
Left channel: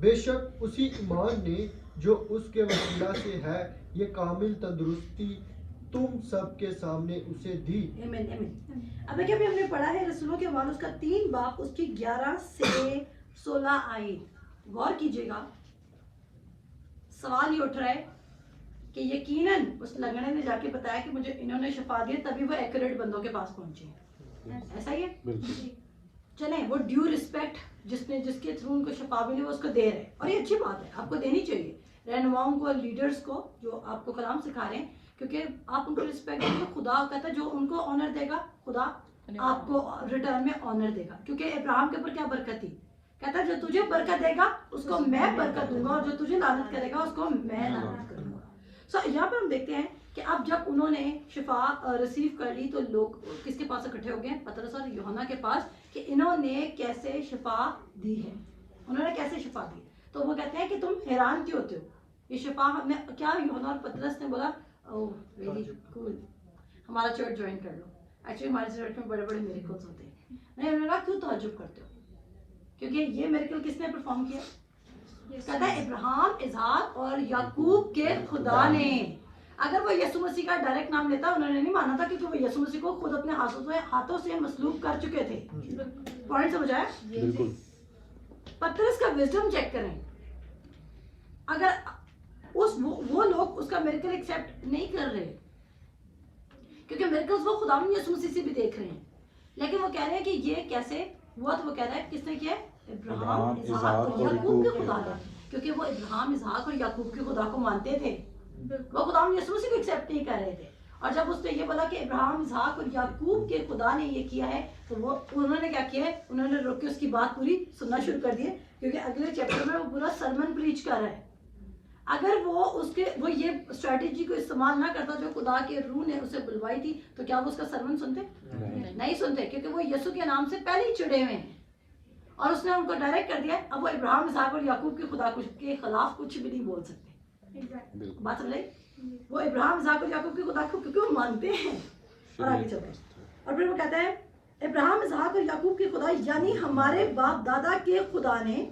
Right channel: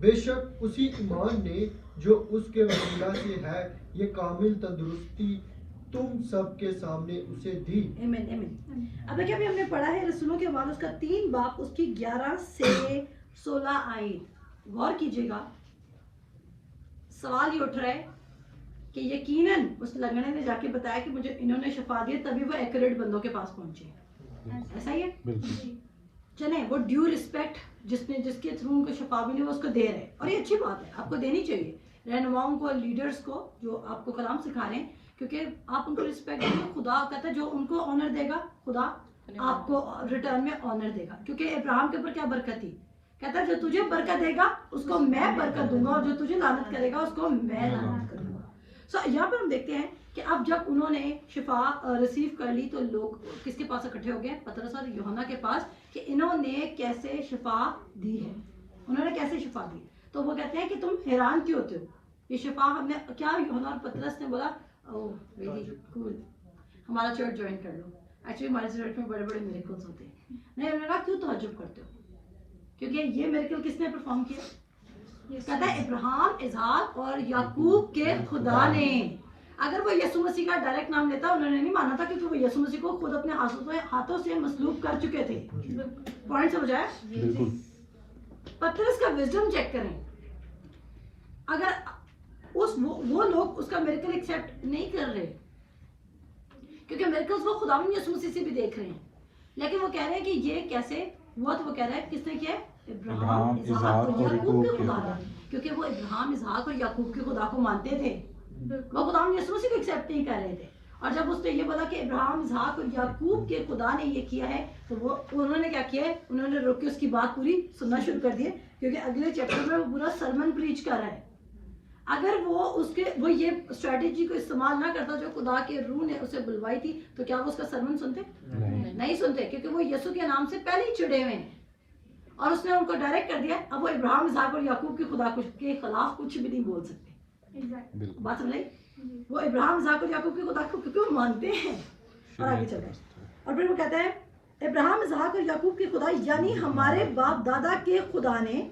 بے شک اسی ایمان نے جو اس کے وسیلہ سے ہے یہ کامل تندرستی تم سب کے سامنے اسے دی. آمین آمین. اب دیکھیں ابھی ہم نے پڑھا ہے رسولوں کے اعمال اس کا 3 باب اس کی 11 سے 16 آیت. غور کیجئے گا، سوال یہ اٹھ رہا ہے کہ یقیناً اس لنگڑے نے جا کے بتایا کہ مجھے انہوں نے شفا دیا، تبھی وہ ایکوریٹ بندوں کے پاس پہنچے. ایسا ہی ہے؟ چلیں وہ ڈیو رسپیکٹ جس کے تھرو ان کو شفا ملی وہ اس کو دے رہے ہیں، اور یہ اچھی بات ہے، آپ کو دینی چاہیے رہنماؤں کو، لیڈرز کو جو آپ کو کلام سکھا رہے ہیں، کیونکہ آپ ان کو رسپیکٹ دیں تو خدا کہتا ہے جو ان کو آنر دے گا خدا آپ کو ریٹرن میں آنر دے گا. کیونکہ ابراہیم کے اوپر کیا برکت تھی؟ کہتا ہے جو تجھے برکت دے گا اس کو میں برکت دوں گا، اور جو تجھے لعنت کرے گا اس کو میں لعنت کروں گا. سو یہاں پہ ہم دیکھتے ہیں کہ اب جب انہوں نے شفا ریسیو کر لی تو لوگ کس کے پاس اکٹھے ہو گئے؟ پطرس اور یوحنا کے پاس، کہ انہوں نے کیسے شفا دی ہے، انہوں نے کیسے شفا دی. تو وہ کہتے ہیں کہ تم حیران کیوں ہوتے ہو، یہ شفا ہم نے کیا؟ یوحنا اور پطرس نے بولا اوہ ویری کول، ہمارا چرچ جوائن کر لو. ایکچولی ہمارے چرچ میں بڑے بڑے میریکلز ہوتے ہیں. نہیں، انہوں نے کہا کیوں تعجب کرتے ہو، کیونکہ یہ میریکل کس نے پرفارم کیا؟ کہتا ہے ابراہیم، اسحاق اور یعقوب کے خدا نے. اگر وہ یسوع مسیح کا ڈائریکٹ نام لیتا انہوں نے نہیں مانا تھا، کیونکہ وہ یسوع مسیح کو خود اپنے ہاتھوں سے مسلوب کر چکے تھے. پوائنٹ سمجھ آیا؟ پطرس کا وزڈم چیک کریں. اگر وہ لوگ اس کا میریکل ایکسیپٹ نہیں کر رہے، کیونکہ میریکلز وہ خداوند یسوع مسیح سے بھی دیکھ رہے ہیں، لیکن وہ کہہ رہے ہیں کہ یہ کیسے ہوا. تو وہ کہہ رہا ہے کس نے کیا؟ ابراہیم، اسحاق اور یعقوب کے خدا نے. کیونکہ وہ ابراہیم، اسحاق اور یعقوب کے خدا کو مانتے تھے، وہ خداوند یسوع مسیح کو ایکسیپٹ نہیں کر رہے تھے. اور جب اس نے یہ بولا کہ ابراہیم، اسحاق اور یعقوب کے خدا نے یہ کیا ہے، تو انہوں نے کیا کیا ہے؟ انہوں نے روک کے اس کی بات پوری سننا شروع کر دی، کیونکہ اگلے چیپٹر میں وہ پورا سرمن پریچ کر رہا ہے. اگر وہ یہ اسٹریٹجی کو استعمال نہ کرتا جو خدا کے روح نے اسے بلوائی تھی، تو کیا وہ اس کا سرمن سنتے؟ نہیں سنتے، کیونکہ وہ یسوع کے نام سے پہلے ہی چڑے ہوئے ہیں، اور اس نے ان کو ڈائریکٹ کر دیا. اب وہ ابراہیم، اسحاق اور یعقوب کے خدا کے خلاف کچھ بھی نہیں بول سکتے. بات سمجھ آئی؟ وہ ابراہیم، اسحاق اور یعقوب کے خدا کو کیونکہ وہ مانتے ہیں. اور آگے چلتے ہیں، اور پھر وہ کہتا ہے ابراہیم، اسحاق اور یعقوب کے خدا یعنی ہمارے باپ دادا کے خدا نے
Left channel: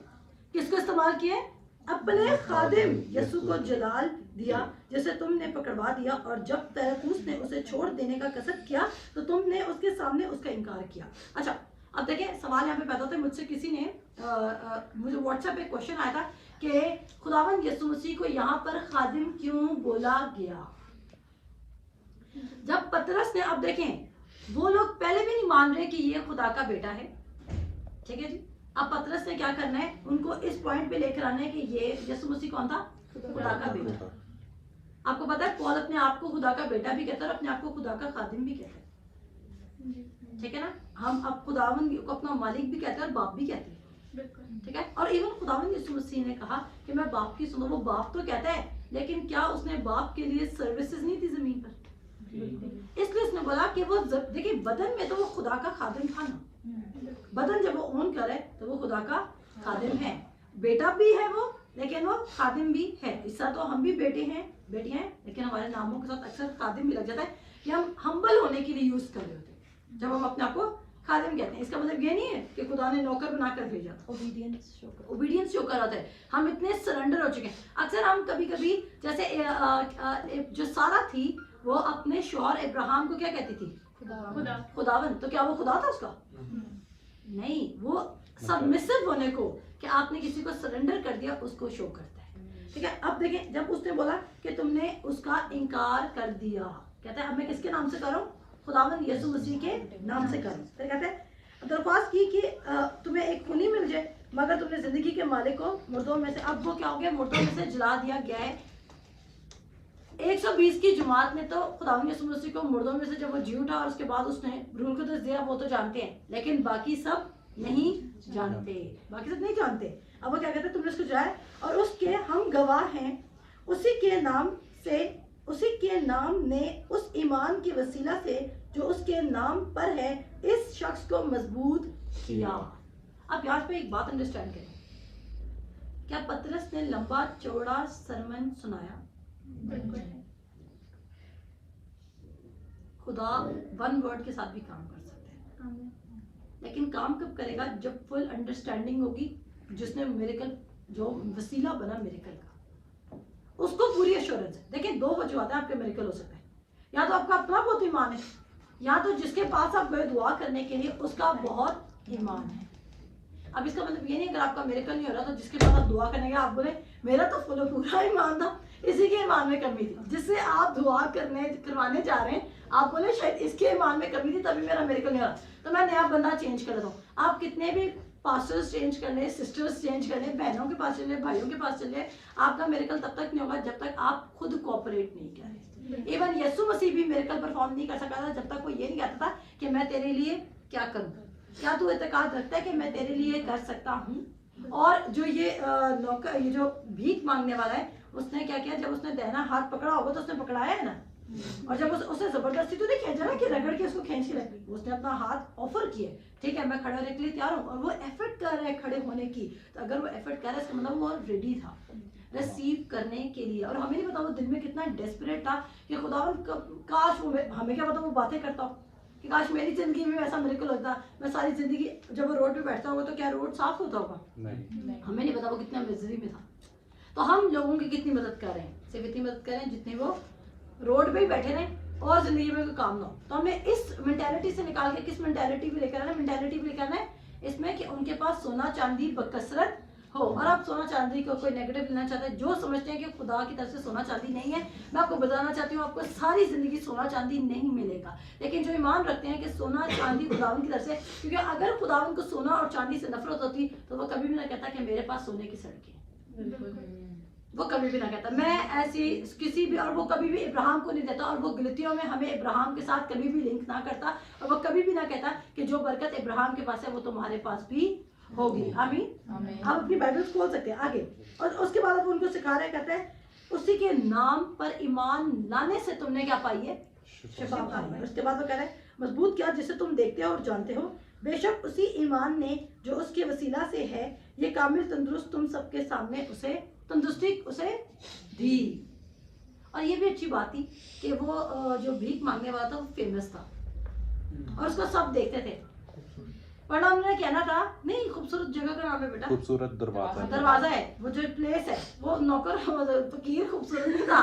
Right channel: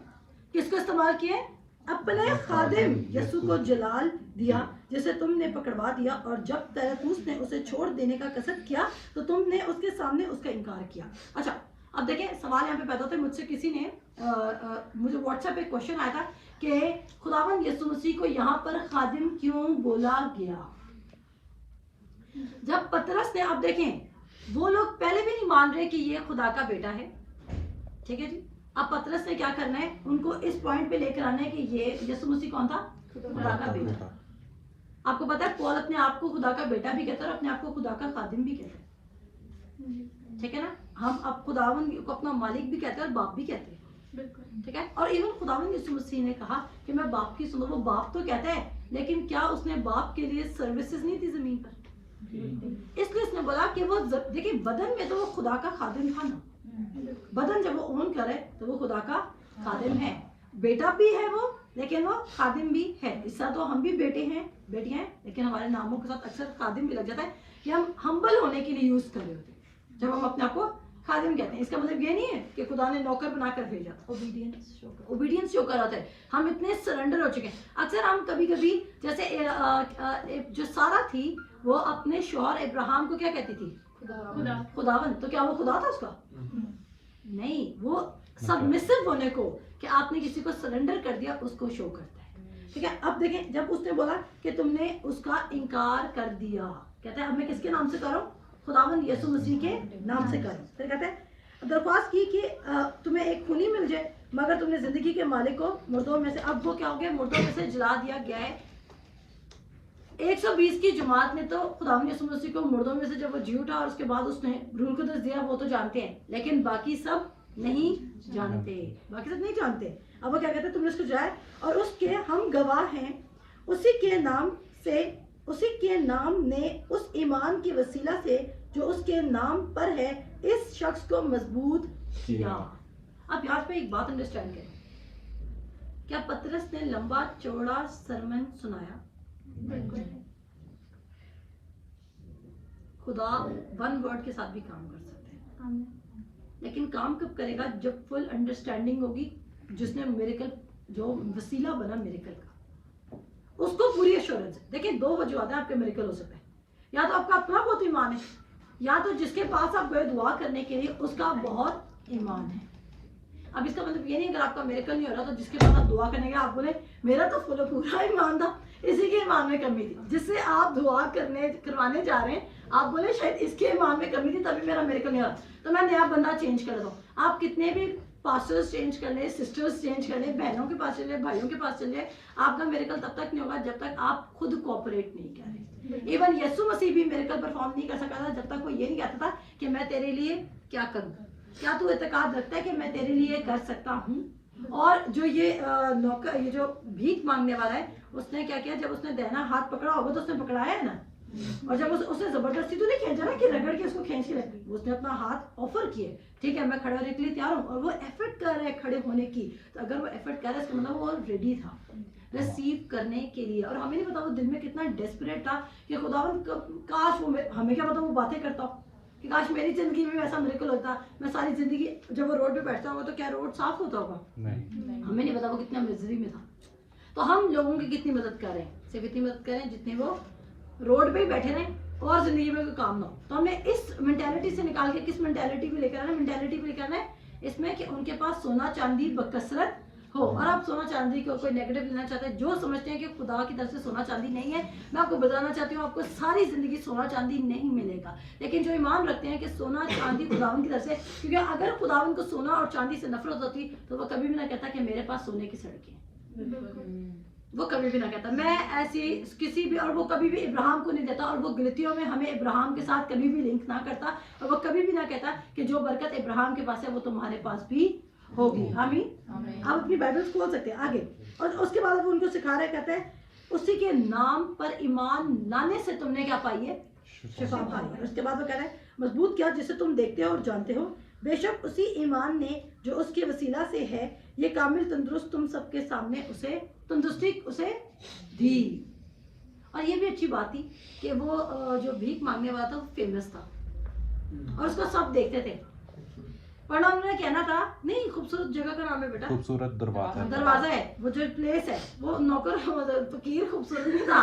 کس کو استعمال کیا؟ اپنے خادم یسوع کو جلال دیا، جسے تم نے پکڑوا دیا، اور جب پلاطوس نے اسے چھوڑ دینے کا قصد کیا تو تم نے اس کے سامنے اس کا انکار کیا. اچھا اب دیکھیں سوال یہاں پہ پیدا ہوتا ہے. مجھ سے کسی نے مجھے واٹس ایپ پہ کوشچن آیا تھا کہ خداوند یسوع مسیح کو یہاں پر خادم کیوں بولا گیا؟ جب پطرس نے، اب دیکھیں وہ لوگ پہلے بھی نہیں مان رہے کہ یہ خدا کا بیٹا ہے، ٹھیک ہے جی. اب پطرس نے کیا کرنا ہے؟ ان کو اس پوائنٹ پہ لے کر آنا ہے کہ یہ یسوع مسیح کون تھا؟ خدا کا بیٹا. آپ کو پتا ہے پال اپنے آپ کو خدا کا بیٹا بھی کہتا ہے اور اپنے آپ کو خدا کا خادم بھی کہتا ہے, ٹھیک ہے نا. ہم اب خداوند کو اپنا مالک بھی کہتے ہیں اور باپ بھی کہتے ہیں, ٹھیک ہے. اور ایون خداوند یسوع مسیح نے کہا کہ میں باپ کی سنوں, وہ باپ تو کہتا ہے لیکن کیا اس نے باپ کے لیے سروسز نہیں تھی زمین پر؟ اس لیے اس نے بولا کہ وہ دیکھیں بدن میں تو وہ خدا کا خادم تھا نا, بدن جب وہ اون کرے تو وہ خدا کا خادم ہے, بیٹا بھی ہے وہ لیکن وہ خادم بھی ہے. اس طرح تو ہم بھی بیٹے ہیں بیٹیاں ہیں لیکن ہمارے ناموں کے ساتھ اکثر خادم بھی لگ جاتا ہے. یہ ہم ہمبل ہونے کے لیے یوز کر رہے ہوتے ہیں جب ہم اپنے آپ کو خادم کہتے ہیں. اس کا مطلب یہ نہیں ہے کہ خدا نے نوکر بنا کر بھیجا تھا, اوبیڈینس شو کر رہا تھا. ہم اتنے سرنڈر ہو چکے ہیں. اکثر ہم کبھی کبھی جیسے جو سارا تھی وہ اپنے شوہر ابراہم کو کیا کہتی تھی؟ خداوند. تو کیا وہ خدا تھا اس کا؟ نہیں, وہ سبمسو ہونے کو کہ آپ نے کسی کو سرنڈر کر دیا اس کو شو کرتا ہے, ٹھیک ہے. اب دیکھیں جب اس نے بولا کہ تم نے اس کا انکار کر دیا, کہتا ہے اب میں کس کے نام سے کروں؟ خداوند یسوع مسیح کے نام سے کروں. پھر کہتے ہیں درخواست کی کہ تمہیں ایک خونی مل جائے مگر تم نے زندگی کے مالک کو مردوں میں سے, اب وہ کیا ہو گیا؟ مردوں میں سے جلا دیا گیا ہے. 120 کی جماعت نے تو خداوند یسوع مسیح کو مردوں میں سے جب وہ جی اٹھا اور اس کے بعد اس نے روح القدس دیا وہ تو جانتے ہیں لیکن باقی سب نہیں جانتے, باقی سب نہیں جانتے. اب وہ کیا کہتے ہیں تم نے اس کو جائے اور اس کے ہم گواہ ہیں, اسی کے نام نے اس ایمان کے وسیلہ سے جو اس کے نام پر ہے اس شخص کو مضبوط کیا. اب یہاں پہ ایک بات انڈرسٹینڈ کریں, کیا پطرس نے لمبا چوڑا سرمن سنایا؟ بالکل. خدا ون ورڈ کے ساتھ بھی کام کر سکتے ہیں لیکن کام کب کرے گا؟ جب فل انڈرسٹینڈنگ ہوگی. جس نے میریکل جو وسیلہ بنا میریکل کا اس کو پوری ایشورنس ہے. دیکھیں دو وجوہات ہیں آپ کے میریکل ہو سکتا ہے, یا تو آپ کا اپنا بہت ایمان ہے یا تو جس کے پاس آپ گئے دعا کرنے کے لیے اس کا بہت ایمان ہے. اب اس کا مطلب یہ نہیں اگر آپ کا میریکل نہیں ہو رہا تو جس کے پاس آپ دعا کرنے گئے آپ بولے میرا تو فل پورا ایمان تھا, اسی کے ایمان میں کمی تھی. جس سے آپ دعا کروانے جا رہے ہیں آپ بولے شاید اس کے ایمان میں کمی تھی تبھی میرا میریکل نہیں ہو رہا تو میں نیا بندہ چینج کر دیتا ہوں. آپ کتنے بھی پاسٹرز چینج کر لیں, سسٹرز چینج کر لیں, بہنوں کے پاس چلے, بھائیوں کے پاس چلے, آپ کا میریکل تب تک نہیں ہوگا جب تک آپ خود کوآپریٹ نہیں کریں. ایون یسوع مسیح بھی میریکل پرفارم نہیں کر سکا تھا جب تک وہ یہ نہیں کہتا تھا کہ میں تیرے لیے کیا کروں, کیا تو اعتقاد رکھتا ہے کہ میں تیرے لیے کر سکتا ہوں. اور جو یہ جو بھیک مانگنے والا ہے اس نے کیا کیا, جب اس نے دہنا ہاتھ پکڑا ہوگا تو اس نے پکڑایا ہے نا, اور جب اس نے زبردستی تو نہیں کھینچا نا کہ رگڑ کے اس کو کھینچ کے لگے, اس نے اپنا ہاتھ آفر کیے, ٹھیک ہے میں کھڑے ہونے کے لیے تیار ہوں, اور وہ ایفرٹ کر رہے کھڑے ہونے کی. تو اگر وہ ایفرٹ کر رہا ہے اس کا مطلب وہ ریڈی تھا ریسیو کرنے کے لیے. اور ہمیں نہیں پتا وہ دل میں کتنا ڈیسپریٹ تھا کہ خداوند کاش وہ, ہمیں کیا پتا وہ باتیں کرتا کہ کاش میری زندگی میں ایسا میریکل ہوتا, میں ساری زندگی جب وہ روڈ پہ بیٹھتا ہوگا تو کیا روڈ صاف ہوتا ہوگا؟ ہمیں نہیں پتا وہ کتنا مزری میں تھا. تو ہم لوگوں کی کتنی مدد کر رہے ہیں, صرف اتنی مدد کر رہے ہیں جتنی وہ روڈ پہ ہی بیٹھے رہیں اور زندگی میں کوئی کام نہ ہو. تو ہم نے اس مینٹیلٹی سے نکال کے کس مینٹیلٹی کو لے کر آنا ہے؟ مینٹیلٹی کو لے کر آنا ہے اس میں کہ ان کے پاس سونا چاندی بکثرت ہو. اور آپ سونا چاندی کو کوئی نیگیٹو لینا چاہتے ہیں, جو سمجھتے ہیں کہ خدا کی طرف سے سونا چاندی نہیں ہے, میں آپ کو بتانا چاہتی ہوں آپ کو ساری زندگی سونا چاندی نہیں ملے گا. لیکن جو ایمان رکھتے ہیں کہ سونا چاندی خداوند کی طرف سے, کیونکہ اگر خداوند کو سونا اور چاندی سے نفرت ہوتی تو وہ کبھی بھی نہ کہتا کہ میرے پاس سونے کی سڑکیں, وہ کبھی بھی نہ کہتا میں ایسی کسی بھی, اور وہ کبھی بھی ابراہم کو نہیں دیتا, اور وہ غلطیوں میں ہمیں ابراہم کے ساتھ کبھی بھی لنک نہ کرتا, اور وہ کبھی بھی نہ کہتا کہ جو برکت ابراہم کے پاس ہے وہ تمہارے پاس بھی ہوگی. آمین. آپ اپنی بائبل کھول سکتے ہیں آگے, اور اس کے بعد اب ان کو سکھا رہے, کہتے ہیں اسی کے نام پر ایمان لانے سے تم نے کیا پائی ہے؟ شفا پائی ہے. اس کے بعد وہ کہہ رہے ہیں مضبوط کیا جسے تم دیکھتے ہو اور جانتے ہو, بے شک اسی ایمان نے جو اس کے وسیلہ سے ہے یہ کامل تندرست تم سب کے سامنے اسے تندرستی اسے دی. اور یہ بھی اچھی بات تھی کہ وہ جو بھیک مانگنے والا تھا وہ فیمس تھا اور اس کو سب دیکھتے تھے. ورنہ انہوں نے کہنا تھا نہیں, خوبصورت جگہ کا نام ہے بیٹا, خوبصورت دروازہ ہے, وہ جو پلیس ہے وہ نوکر فقیر خوبصورت نہیں تھا,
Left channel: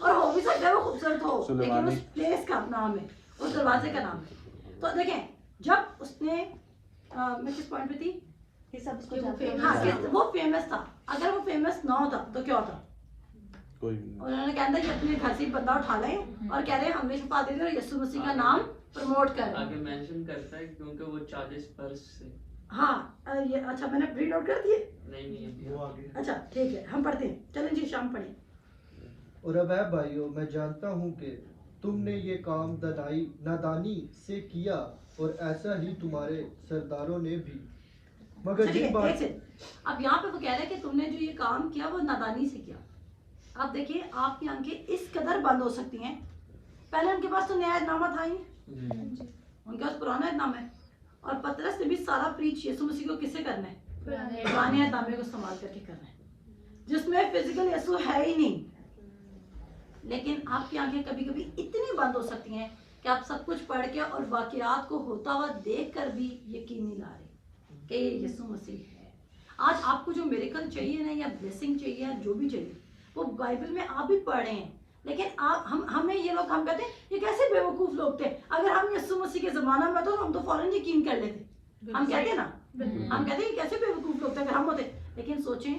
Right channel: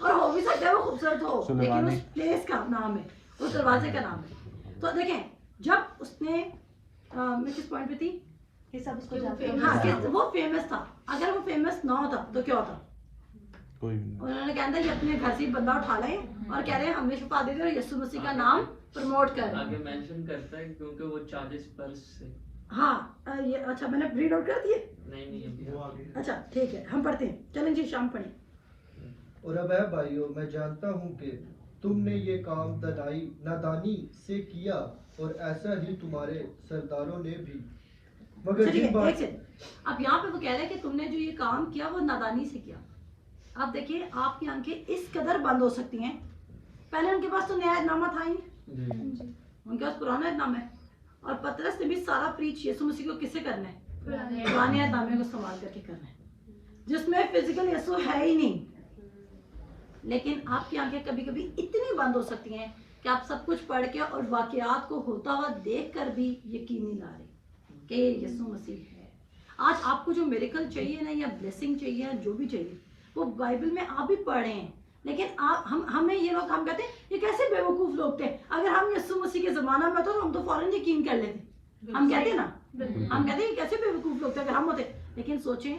اور ہو بھی سکتا ہے وہ خوبصورت ہو لیکن اس پلیس کا نام ہے, اس دروازے کا نام ہے. تو دیکھیں جب اس نے میں کس پوائنٹ پہ تھی, ہاں وہ فیمس تھا, اگر وہ فیمس نہ ہوتا تو کیا ہوتا؟ انہوں نے کہا تھا کہ اپنے گھر سے بندہ اٹھا لیں اور کہہ رہے ہیں ہم نے شفا دے دی اور یسوع مسیح کا نام پروموٹ کر رہے ہیں. آگے مینشن کرتا ہے کیونکہ وہ چارجز پر سے. ہاں یہ اچھا میں نے ریڈ آؤٹ کر دیے. نہیں اچھا ٹھیک ہے ہم پڑھتے ہیں, چلیں جی شام پڑھیں. اور اب اے بھائیو میں جانتا ہوں کہ تم نے یہ کام نادانی سے کیا اور ایسا ہی تمہارے سرداروں نے بھی، مگر چلیے جن بات ایک سیکنڈ، اب یہاں پہ وہ کہہ رہے ہیں کہ تم نے جو یہ کام کیا وہ نادانی سے کیا. آپ دیکھیں آپ کی آنکھیں اس قدر بند ہو سکتی ہیں، پہلے ان کے پاس تو نیا نامہ تھا ہی نہیں، ان کے پاس پرانا نامہ ہے، اور پطرس نے بھی سارا پریچ یسوع مسیح کو کس سے کرنا ہے؟ پرانے نامے کو استعمال کر کے کرنا ہے، جس میں فزیکل یسوع ہے ہی نہیں. لیکن آپ کی آنکھیں کبھی کبھی اتنی بند ہو سکتی ہیں کہ آپ سب کچھ پڑھ کے اور واقعات کو ہوتا ہوا دیکھ کر بھی یقین نہیں لا رہے کہ یسوع مسیح ہے. آج آپ کو جو میریکل چاہیے نا یا بلیسنگ چاہیے یا جو بھی چاہیے وہ بائبل میں آپ بھی پڑھ رہے ہیں. لیکن ہمیں یہ لوگ ہم کہتے ہیں یہ کیسے بے وقوف لوگ تھے، اگر ہم یسوع مسیح کے زمانہ میں تو ہم تو فوراً یقین کر لیتے. ہم کہتے ہیں نا، ہم کہتے ہیں کیسے بے وقوف لوگ تھے اگر ہم ہوتے. لیکن سوچیں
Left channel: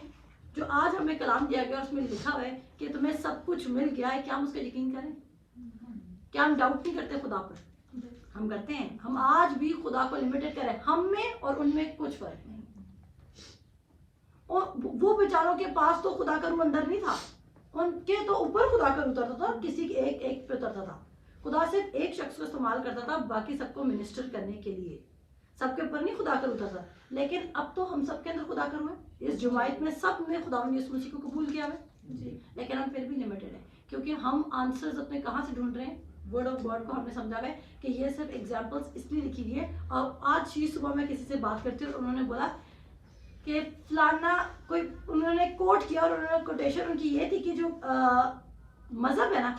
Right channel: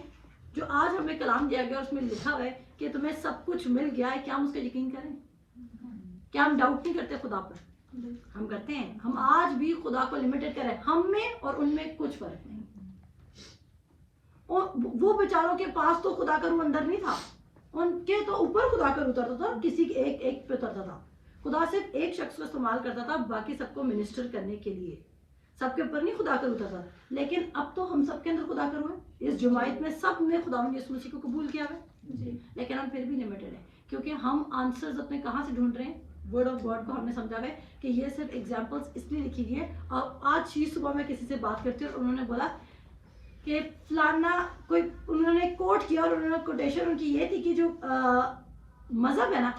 جو آج ہمیں کلام دیا گیا اس میں لکھا ہوا ہے کہ تمہیں سب کچھ مل گیا ہے، کیا ہم اس کا یقین کریں؟ کیا ہم ڈاؤٹ نہیں کرتے خدا پر؟ ہم کرتے ہیں. ہم آج بھی خدا کو لمیٹڈ کریں، ہم میں اور ان میں کچھ فرق نہیں. اور وہ بیچاروں کے پاس تو خدا کا روح اندر نہیں تھا، ان کے تو اوپر خدا کا روح اترتا تھا اور کسی کے ایک پہ اترتا تھا. خدا صرف ایک شخص کو استعمال کرتا تھا باقی سب کو منسٹر کرنے کے لیے، سب کے اوپر نہیں خدا کا روح اترتا. لیکن اب تو ہم سب کے اندر خدا کا روح ہے، اس جماعت میں سب نے خداوند یسوع مسیح کو قبول کیا ہے. لیکن ہم پھر بھی لمیٹڈ ہیں کیونکہ ہم آنسرز اپنے کہاں سے ڈھونڈ رہے ہیں؟ ورڈ آف گاڈ کو ہم نے سمجھا ہوا ہے کہ یہ صرف ایگزامپلس اس لیے لکھی گئی ہے. اور آج ہی صبح میں کسی سے بات کرتی ہوں اور انہوں نے بولا کہ فلانا کوئی، انہوں نے کوٹ کیا اور انہوں نے کوٹیشن ان کی یہ تھی کہ جو مذہب ہے نا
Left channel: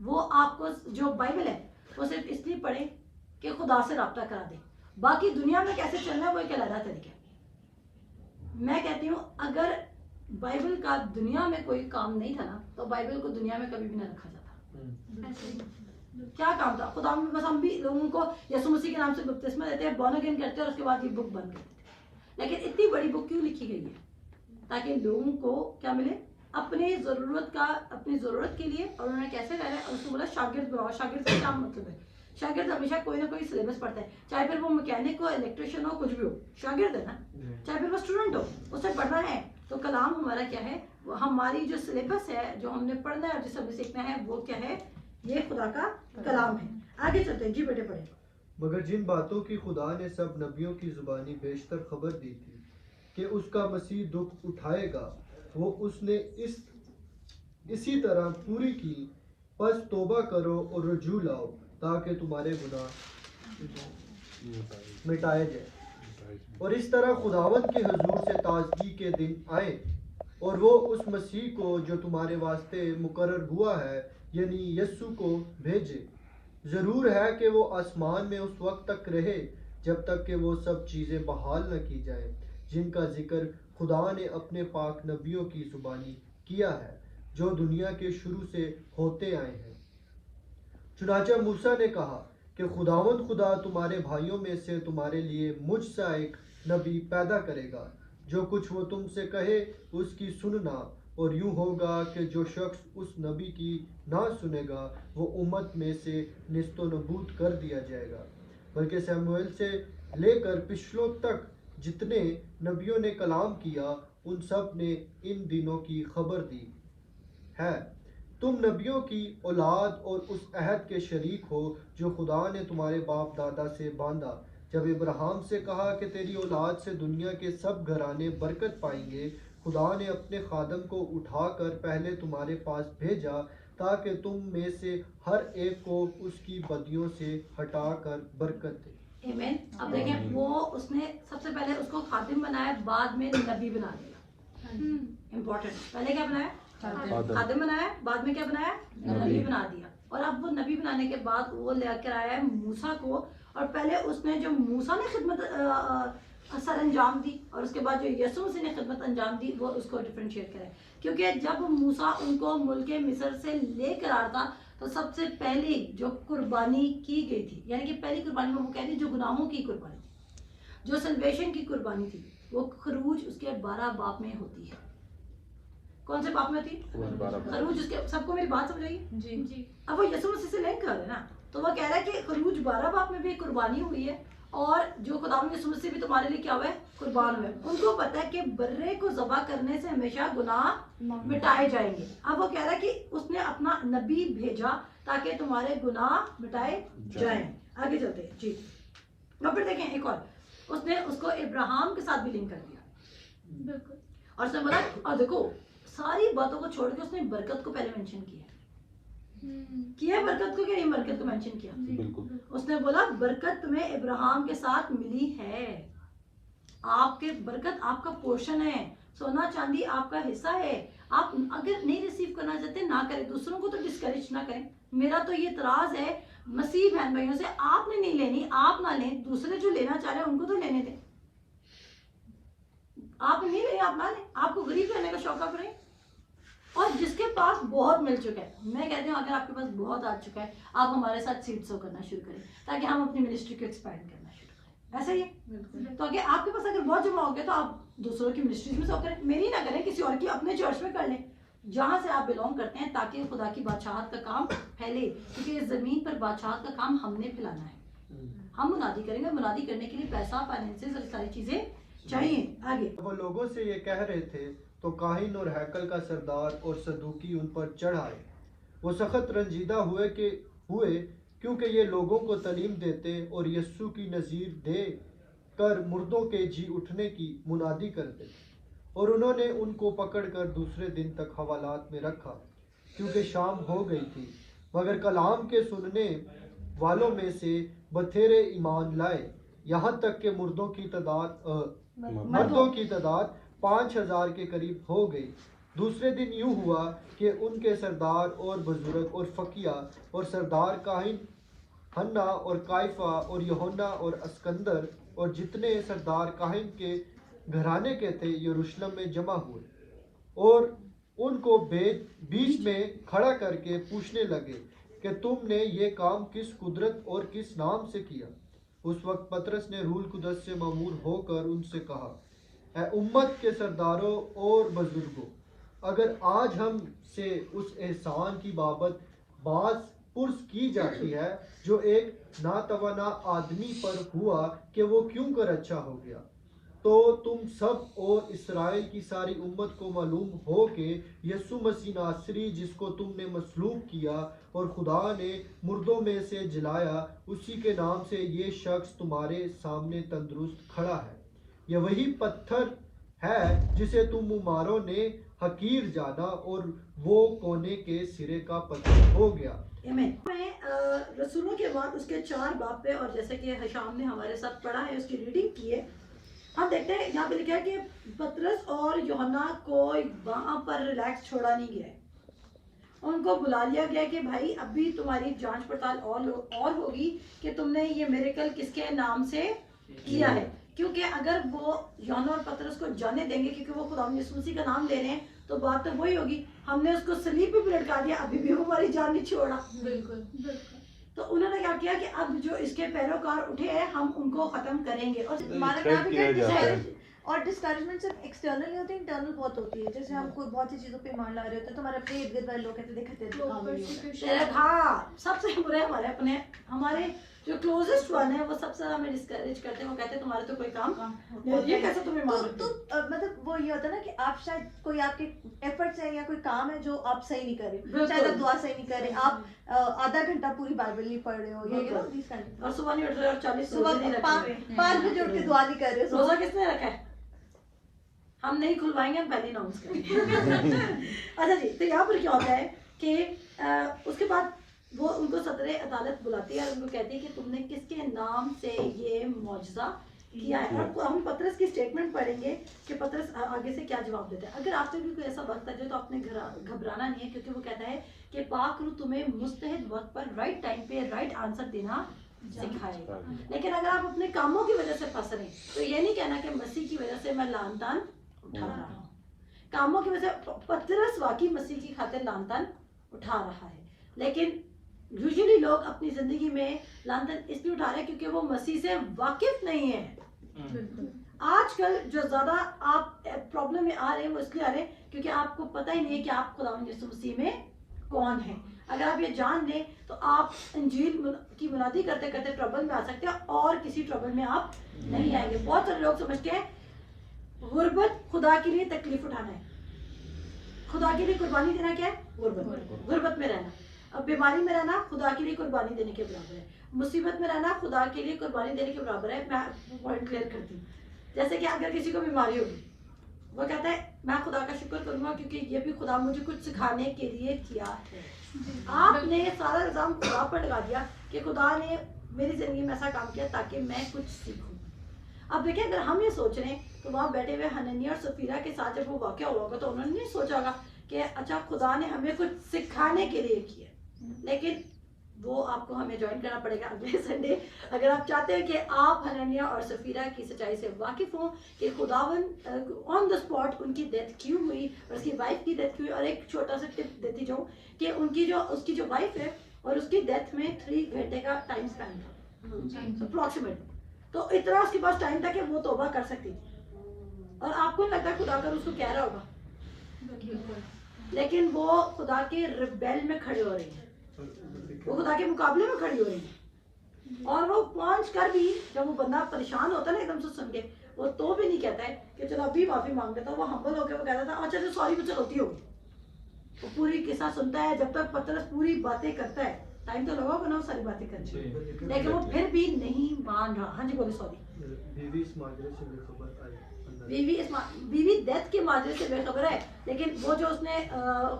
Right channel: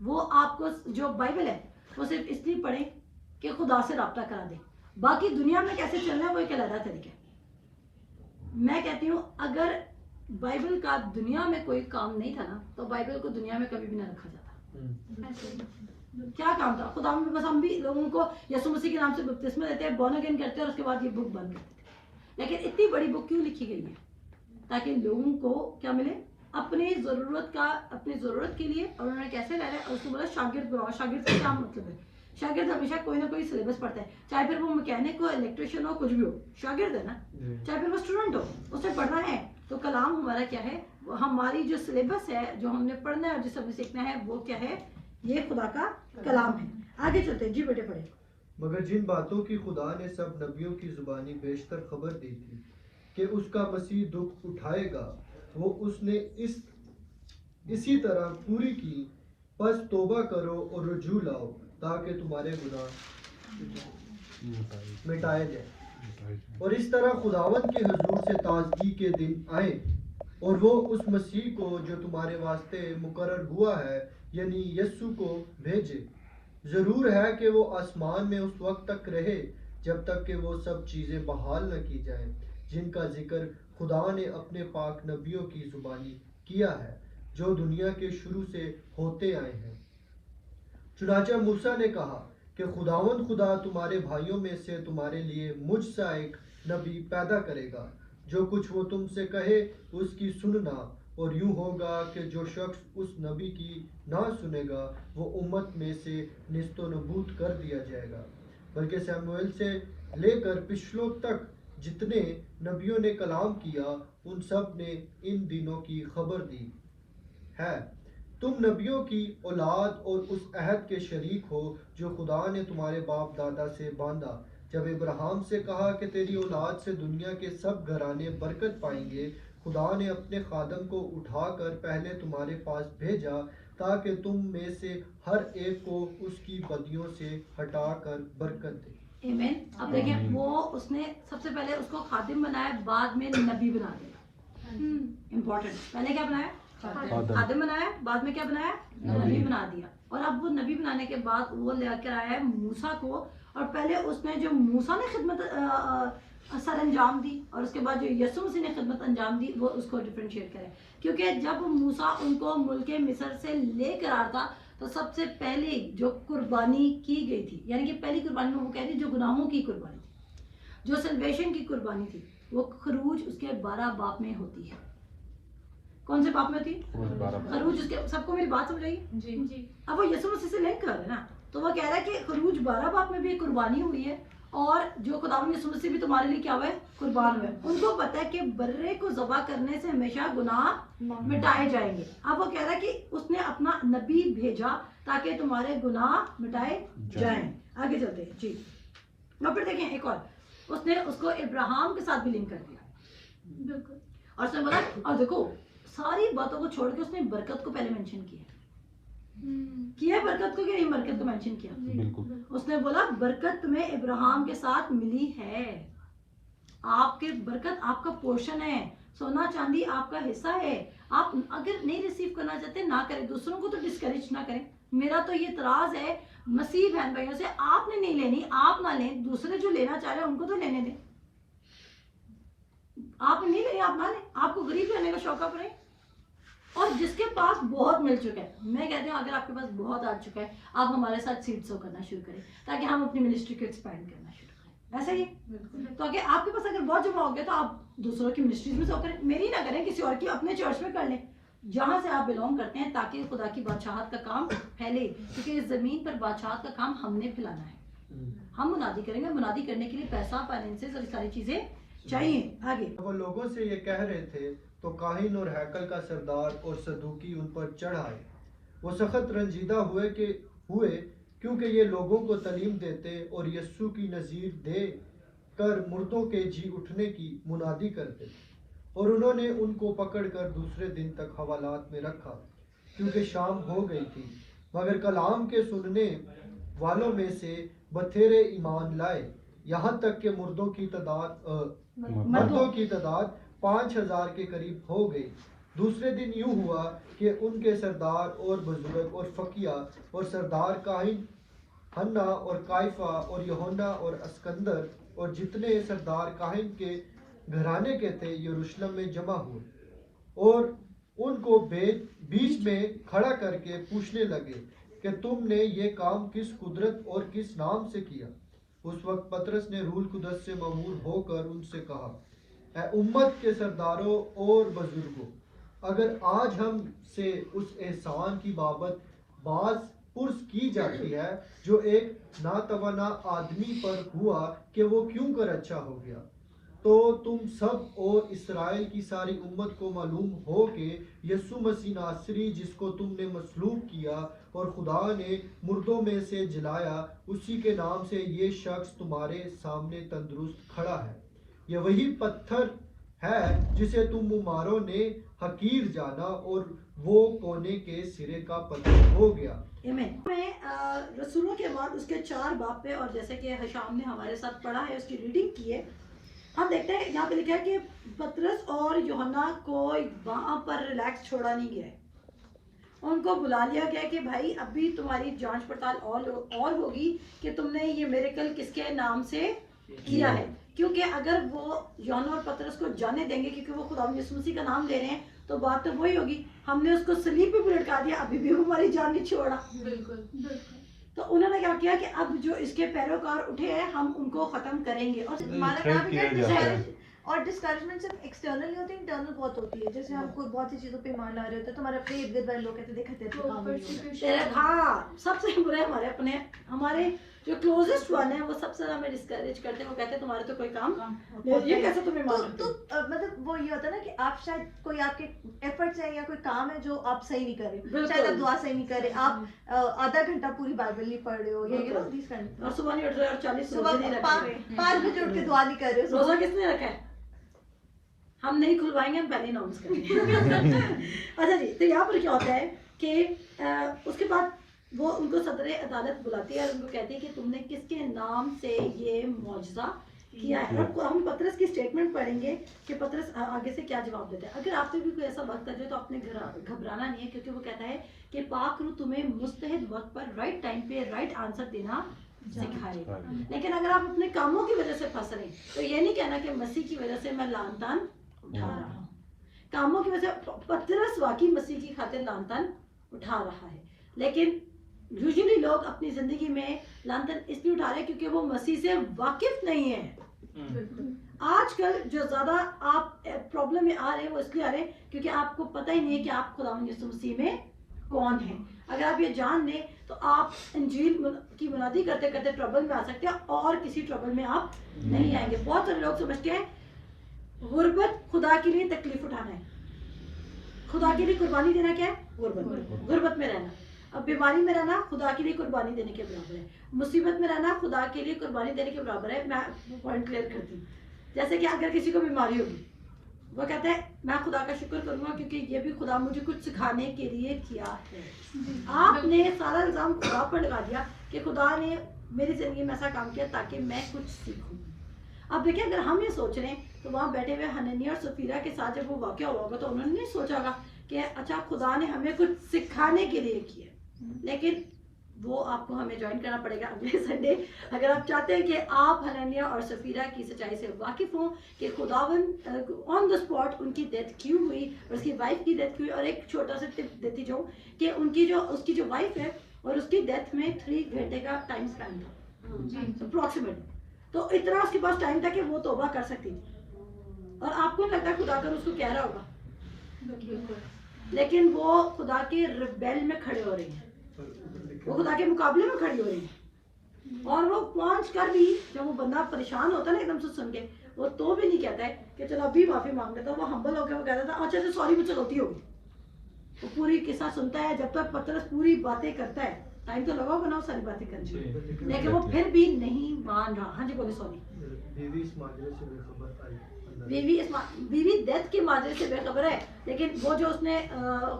وہ آپ کو جو بائبل ہے وہ صرف اس لیے پڑھے کہ خدا سے رابطہ کرا دے، باقی دنیا میں کیسے چلنا ہے وہ ایک علیحدہ طریقہ. میں کہتی ہوں اگر بائبل کا دنیا میں کوئی کام نہیں تھا نا تو بائبل کو دنیا میں کبھی بھی نہ رکھا جاتا. کیا کام تھا خدا میں؟ بس ہم بھی لوگوں کو یسوع مسیح کے نام سے بپتسمہ دیتے ہیں، بورن اگین کرتے ہیں اور اس کے بعد یہ بک بند کرتے ہیں. لیکن اتنی بڑی بک کیوں لکھی گئی ہے؟ تاکہ لوگوں کو کیا ملے؟ اپنی ضرورت کے لیے. اور انہوں نے کیسے رہا ہے اور اس کو بولا شاگرد بناؤ. شاگرد کا کیا مطلب ہے؟ شاگرد ہمیشہ کوئی نہ کوئی سلیبس پڑھتا ہے، چاہے پھر وہ میکینک ہو، الیکٹریشین ہو، کچھ بھی ہو، شاگرد ہے نا. چاہے پھر وہ اسٹوڈنٹ ہو، اسے پڑھنا ہے. تو کلام ہمارا کیا ہے؟ ہماری جو سلیبس ہے جو ہم نے پڑھنا ہے اور جسے ہمیں سیکھنا ہے وہ کیا ہے؟ یہ خدا کا کلام ہے. آگے چلتے ہیں جی بیٹے پڑھیں. مگر جن باتوں کی خدا نے سب نبیوں کی زبانی بیشتر خبر دی تھی کہ اس کا مسیح دکھ اٹھائے گا، وہ اس نے اسی طرح پوری کی. پس توبہ کرو اور رجوع لاؤ تاکہ تمہارے گناہ مٹائے جائیں، اور اس طرح خداوند کے حضور سے تازگی کے دن آئے، اور وہ اس مسیح کو جو تمہارے واسطے مقرر ہوا ہے یعنی یسوع کو بھیجے. ضرور ہے کہ وہ آسمان میں اس وقت تک رہے جب تک کہ وہ سب چیزیں بحال نہ کی جائیں جن کا ذکر خدا نے اپنے پاک نبیوں کی زبانی کیا ہے جو دنیا کے شروع سے ہوتے آئے ہیں. چنانچہ موسیٰ نے کہا کہ خداوند خدا تمہارے بھائیوں میں سے تمہارے لیے مجھ سا ایک نبی پیدا کرے گا، جو کچھ وہ تم سے کہے اس کی سننا. اور یوں ہوگا کہ جو شخص اس نبی کی نہ سنے گا وہ امت میں سے نیست و نبود کر دیا جائے گا. بلکہ سیموئیل سے لے کر پچھلوں تک جتنے نبیوں نے کلام کیا ان سب نے ان دنوں کی خبر دی ہے. تم نبیوں کی اولاد اور اس عہد کے شریک ہو جو خدا نے تمہارے باپ دادا سے باندھا جب ابراہیم سے کہا کہ تیری اولاد سے دنیا کے سب گھرانے برکت پائیں گے. خدا نے اپنے خادم کو اٹھا کر پہلے تمہارے پاس بھیجا تاکہ تم میں سے ہر ایک کو اس کی بدیوں سے ہٹا کر برکت دے. آمین. اب دیکھیں وہ اس نے سب سے پہلے اس کو خادم بنایا، بعد میں نبی بنا دیا. امپورٹنٹ، پہلے کیا بنایا؟ خادم بنایا، بعد میں کیا بنایا؟ نبی بنا دیا. اور اب وہ نبی بنانے کے بعد وہ لے کر آیا ہے موسیٰ کو، اور پہلے اس نے جو موسیٰ نے خدمت سر انجام دی اور اس کے بعد جو یسوع مسیح نے خدمت انجام دی وہ اس کو ڈفرینشیٹ کرے. کیونکہ جب موسیٰ ان کو ملک مصر سے لے کر آتا تو سب سے پہلی جو قربانی کی گئی تھی، یعنی کہ پہلی قربانی میں وہ کہہ رہی جو گناہوں کی قربانی، جو سلویشن کی قربانی تھی، وہ خروج اس کے 12 باب میں ہوتی ہے. کون سے باب میں ہوتی؟ خروج. اس کے سب کو میری بات سمجھ آئی؟ جی. اب وہ یسوع مسیح سے لنک کر رہے ہیں نا، تو وہ کہہ رہا ہے کہ خروج 12 باب میں بھی قربانی ہوئی ہے اور جو خدا یسوع مسیح بھی تمہارے لیے کیا ہوا ہے؟ قربان ہوئے. ان کو پتا ہے کہ برے کو ذبح کرنے سے ہمیشہ گناہ مٹائے جائیں گے. اب وہ کہہ رہا ہے کہ اس نے اپنا نبی بھیجا تاکہ تمہارے گناہ مٹائے جائیں. آگے چلتے ہیں جی. اور پھر دیکھیں ایک اور، اس نے اس کو ابراہیم کے ساتھ بھی لنک کر دیا بالکل. اور اس نے بولا، اور دیکھو ساری باتوں کو چھوڑ کے اس نے برکت کو پہلے مینشن کیا ہے برکت کو، کہ نہیں برکت کو مینشن کیا. اس نے بولا برکت تمہیں ابراہیم کے ساتھ ملی ہے، آپ کے برکت آپ کا پورشن ہے، سونا چاندی آپ کا حصہ ہے. آپ اگر نہیں ریسیو کرنا چاہتے نہ کریں، دوسروں کو تو ڈسکریج نہ کریں. میرا تو یہ اعتراض ہے مسیح بہن بھائیوں سے، آپ نے نہیں لینی آپ نہ لیں، دوسرے جو لینا چاہ رہے ہیں ان کو تو لینے دیں. آپ نہیں لیں آپ نہ لیں، آپ کو غریب رہنے کا شوق آپ رہیں. اور جس کے پاس بہت مل چکا ہے، میں کہتی ہوں اگر آپ کے پاس بہت آ چکا ہے آپ ہمارے ساتھ سیڈ سو کرنا شروع کریں تاکہ ہم اپنی منسٹری کو ایکسپینڈ کرنا شروع کریں. ایسا ہی ہے تو اگر آپ کے پاس اگر بہت جمع ہو گیا تو آپ دوسروں کی منسٹریز میں سو کریں، میری نہ کریں، کسی اور کی اپنے چرچ میں کر لیں جہاں سے آپ بلونگ کرتے ہیں، تاکہ خدا کی بادشاہت کا کام پھیلے. کیونکہ اس زمین پر بادشاہت کا کام ہم نے پھیلانا ہے. ہم منادی کریں گے، منادی کرنے کے لیے پیسہ، فائنینسز اور ساری چیزیں چاہیے. آگے وہ لوگوں سے یہ کہہ رہے تھے تو کاہن اور ہیکل کا سردار اور صدوقی ان پر چڑھ آئے. وہ سخت رنجیدہ ہوئے کیونکہ یہ لوگوں کو تعلیم دیتے اور یسوع کی نظیر دے کر مردوں کے جی اٹھنے کی منادی کرتے. اور انہوں نے ان کو پکڑ کر دوسرے دن تک حوالات میں رکھا کیونکہ شام ہو گئی تھی. مگر کلام کے سننے والوں میں سے بتھیرے ایمان لائے، یہاں تک کہ مردوں کی تعداد 5000 کے قریب ہو گئی. دوسرے دن یوں ہوا کہ ان کے سردار اور بزرگ اور فقیہ اور سردار کاہن حنا اور کائفہ اور یوحنا اور اسکندر اور جتنے سردار کاہن کے گھرانے کے تھے یروشلم میں جمع ہوئے اور ان کو بیچ میں کھڑا کر کے پوچھنے لگے کہ تم نے یہ کام کس قدرت اور کس نام سے کیا. اس وقت پطرس نے روح القدس سے مامور ہو کر ان سے کہا، اے امت کے سرداروں اور بزرگوں، اگر آج ہم سے اس احسان کی بابت باز پرس کی جاتی ہے جو ایک ناتوانا آدمی پر ہوا کہ وہ کیوں کر اچھا ہو گیا، تو تم سب اور اسرائیل کی ساری امت کو معلوم ہو کہ یسوع مسیح ناصری جس کو تم نے مصلوب کیا اور خدا نے مردوں میں سے جلایا، اسی کے نام سے یہ شخص تمہارے سامنے تندرست کھڑا ہے. یہ وہی پتھر ہے جسے تم معماروں نے حقیر جانا اور وہ کونے کے سرے کا پتھر ہو گیا. میں رسولوں کے بعد اس کے 4 باب پہ، اور جیسے کہ حشام نے ہمارے ساتھ پڑھا ہے، اس کی ریڈنگ کی ہے، ہم دیکھتے ہیں یہاں پہ لکھا ہے کہ پطرس اور یوحنا کو وہاں پر ریلیکس چھوڑا نہیں گیا، ان کو بلا لیا گیا کہ بھائی ابھی تمہاری جانچ پڑتال اور ہوگی کہ تم نے یہ میریکل کس کے نام سے کیا ہے. کیونکہ اگر وہ یوحنا اور پطرس کو جانے دیں گے کیونکہ وہ خدا یسوع مسیح کا نام لے رہے ہیں تو بات تو وہی ہوگی، ہم نے اس کو صلیب پہ بھی لٹکا دیا، ابھی بھی وہ ہماری جان نہیں چھوڑا. بالکل. تو انہوں نے کیا کیا کہ اب جو اس کے پیروکار اٹھے ہیں ہم ان کو ختم کریں گے. اور ہمارا کام یہ ہے اور ڈسکریجمنٹ صرف ایکسٹرنل نہیں ہوتی، انٹرنل بہت ہوتی ہے. جیسے ہم خود بہت سی چیزوں پہ ایمان لا رہے ہوتے ہیں تو ہمارے اپنے ارد گرد والے لوگ کہتے ہیں ہاں سب سے برے ہمارے جو کلوزسٹ ون ہے وہ سب سے ہمیں ڈسکریج کرتے ہیں. وہ کہتے ہیں تمہارے تو کوئی کام یہ کیسے تم ایمان رکھتے ہو. مطلب وہ یہ ہوتا ہے نا کہ آپ شاید کوئی آپ کے ایفرٹس ہیں یا کوئی کام ہے جو آپ صحیح نہیں کر رہے، شاید آپ دعا صحیح نہیں کر رہے، آپ آدھا گھنٹہ پوری بائبل نہیں پڑھ رہے ہو، اور صبح نہیں اٹھ رہے اور 40 روزے نہیں رکھ رہے، 5 بجے اٹھ کے دعا نہیں کر رہے. روزہ کس نے رکھا ہے؟ ہم نہیں کھلوائیں گے، ہم پہلے اناؤنس کریں گے. اچھا جی، تو یہاں پر کیا ہوتا ہے کہ اس کے بعد وہ ان کو صدر عدالت بلاتی ہے اور ان کو کہتی ہے کہ تم نے کس کے نام سے یہ معجزہ کیا ہے. اور ہم پطرس کی سٹیٹمنٹ پڑھیں گے کہ پطرس آگے سے کیا جواب دیتا ہے. اگر آپ سے بھی کوئی ایسا وقت آ جائے تو آپ نے گھبرانا نہیں ہے، کیونکہ وہ کہتا ہے کہ پاک روح تمہیں مستحق وقت پر رائٹ ٹائم پہ رائٹ آنسر دینا سکھائے گا. لیکن اگر آپ اپنے کاموں کی وجہ سے پھنس رہے ہیں تو یہ نہیں کہنا کہ مسیح کی وجہ سے میں لعن تان اٹھا رہا ہوں. کاموں کی وجہ سے پطرس واقعی مسیح کی خاطر لعن تان اٹھا رہا ہے، لیکن یوزلی لوگ اپنی زندگی میں لعن تان اس لیے اٹھا رہے ہیں کیونکہ وہ مسیح سے واقف نہیں ہیں. آج کل جو زیادہ آپ پرابلم میں آ رہے ہیں وہ اس لیے آ رہے ہیں کیونکہ آپ کو پتہ ہی نہیں ہے کہ آپ خداوند یسوع مسیح میں کون ہیں. اگر آپ یہ جان لیں تو آپ انجیل کی منادی کرتے کرتے ٹربل میں آ سکتے ہیں اور کسی ٹربل میں آپ نہیں آئیں گے. بہت سارے لوگ سمجھتے ہیں غربت خدا کے لیے تکلیف اٹھانا ہے, خدا کے لیے قربانی دینا کیا ہے؟ غربت میں رہنا. اب بیماری میں رہنا خدا کے لیے قربانی دینے کے برابر ہے, مصیبت میں رہنا خدا کے لیے قربانی دینے کے برابر ہے. میں پوائنٹ کلیئر کرتی ہوں. جیسے کہ اگر کسی کو بیماری ہوگی, وہ کہتا ہے میں خدا کا شکر کروں گا کیونکہ یہ بھی خدا مجھے کچھ سکھانے کے لیے کیا ہے. آپ نے سارا الزام خدا پر لگا دیا کہ خدا نے میری زندگی میں ایسا کام کیا تاکہ میں کچھ سیکھوں. اب دیکھیں اگر ہم یہ سوچ رہے ہیں تو وہاں بیٹھے ہوئے حنانیہ اور سفیرہ کے ساتھ جب وہ واقعہ ہوا ہوگا تو انہوں نے نہیں سوچا ہوگا کہ اچھا خدا نے ہمیں کچھ سکھانے کے لیے کیا. لیکن وہ آپ کو ہمیں جوائن کرنا پڑے گا اگلے سنڈے اگر آپ چاہتے ہیں کہ آپ حنانیہ اور سفیرہ کی سچائی سے واقف ہوں کہ خداوند آن دا اسپاٹ ان کی ڈیتھ کیوں ہوئی اور اس کی وائف کی ڈیتھ ہوئی. اور ایک چھوٹا سا ٹپ دیتی جاؤں کہ اس کی جو وائف ہے اور اس کی ڈیتھ میں 3 گھنٹے کا ٹائم اسپین تھا اپروکسیمیٹ. تو اتنا اس کے پاس ٹائم تھا کہ وہ توبہ کر سکتی تھی. اور آپ کو لگتا ہے خدا کر اس کو کہہ رہا ہوگا, لیکن وہ خدا کے ریبیل میں کھڑے ہو رہے ہیں, وہ خدا کے مقابلے میں کھڑی ہو رہی ہیں. اور وہ پہنچ کر بھی جب وہ بندہ پریشان ہوتا ہے نا ایک دم سے سن کے, وہ تو بھی نہیں کہتا ہے کہ چلو ابھی معافی مانگ لیتا. وہ ہمبل ہو کے وہ کہتا تھا اچھا سوری مجھ سے غلطی ہوگی. وہ پوری قصہ سنتا ہے جب تک پترس پوری باتیں کرتا ہے, ٹائم تو لگا ہوگا نا وہ ساری باتیں کرنے میں, لیکن وہ پھر بھی نہیں مان رہا. ہاں جی بولے سوری. بیوی ڈیتھ کے ماجرے سے بے خبر ہے, لیکن وہ جو اس نے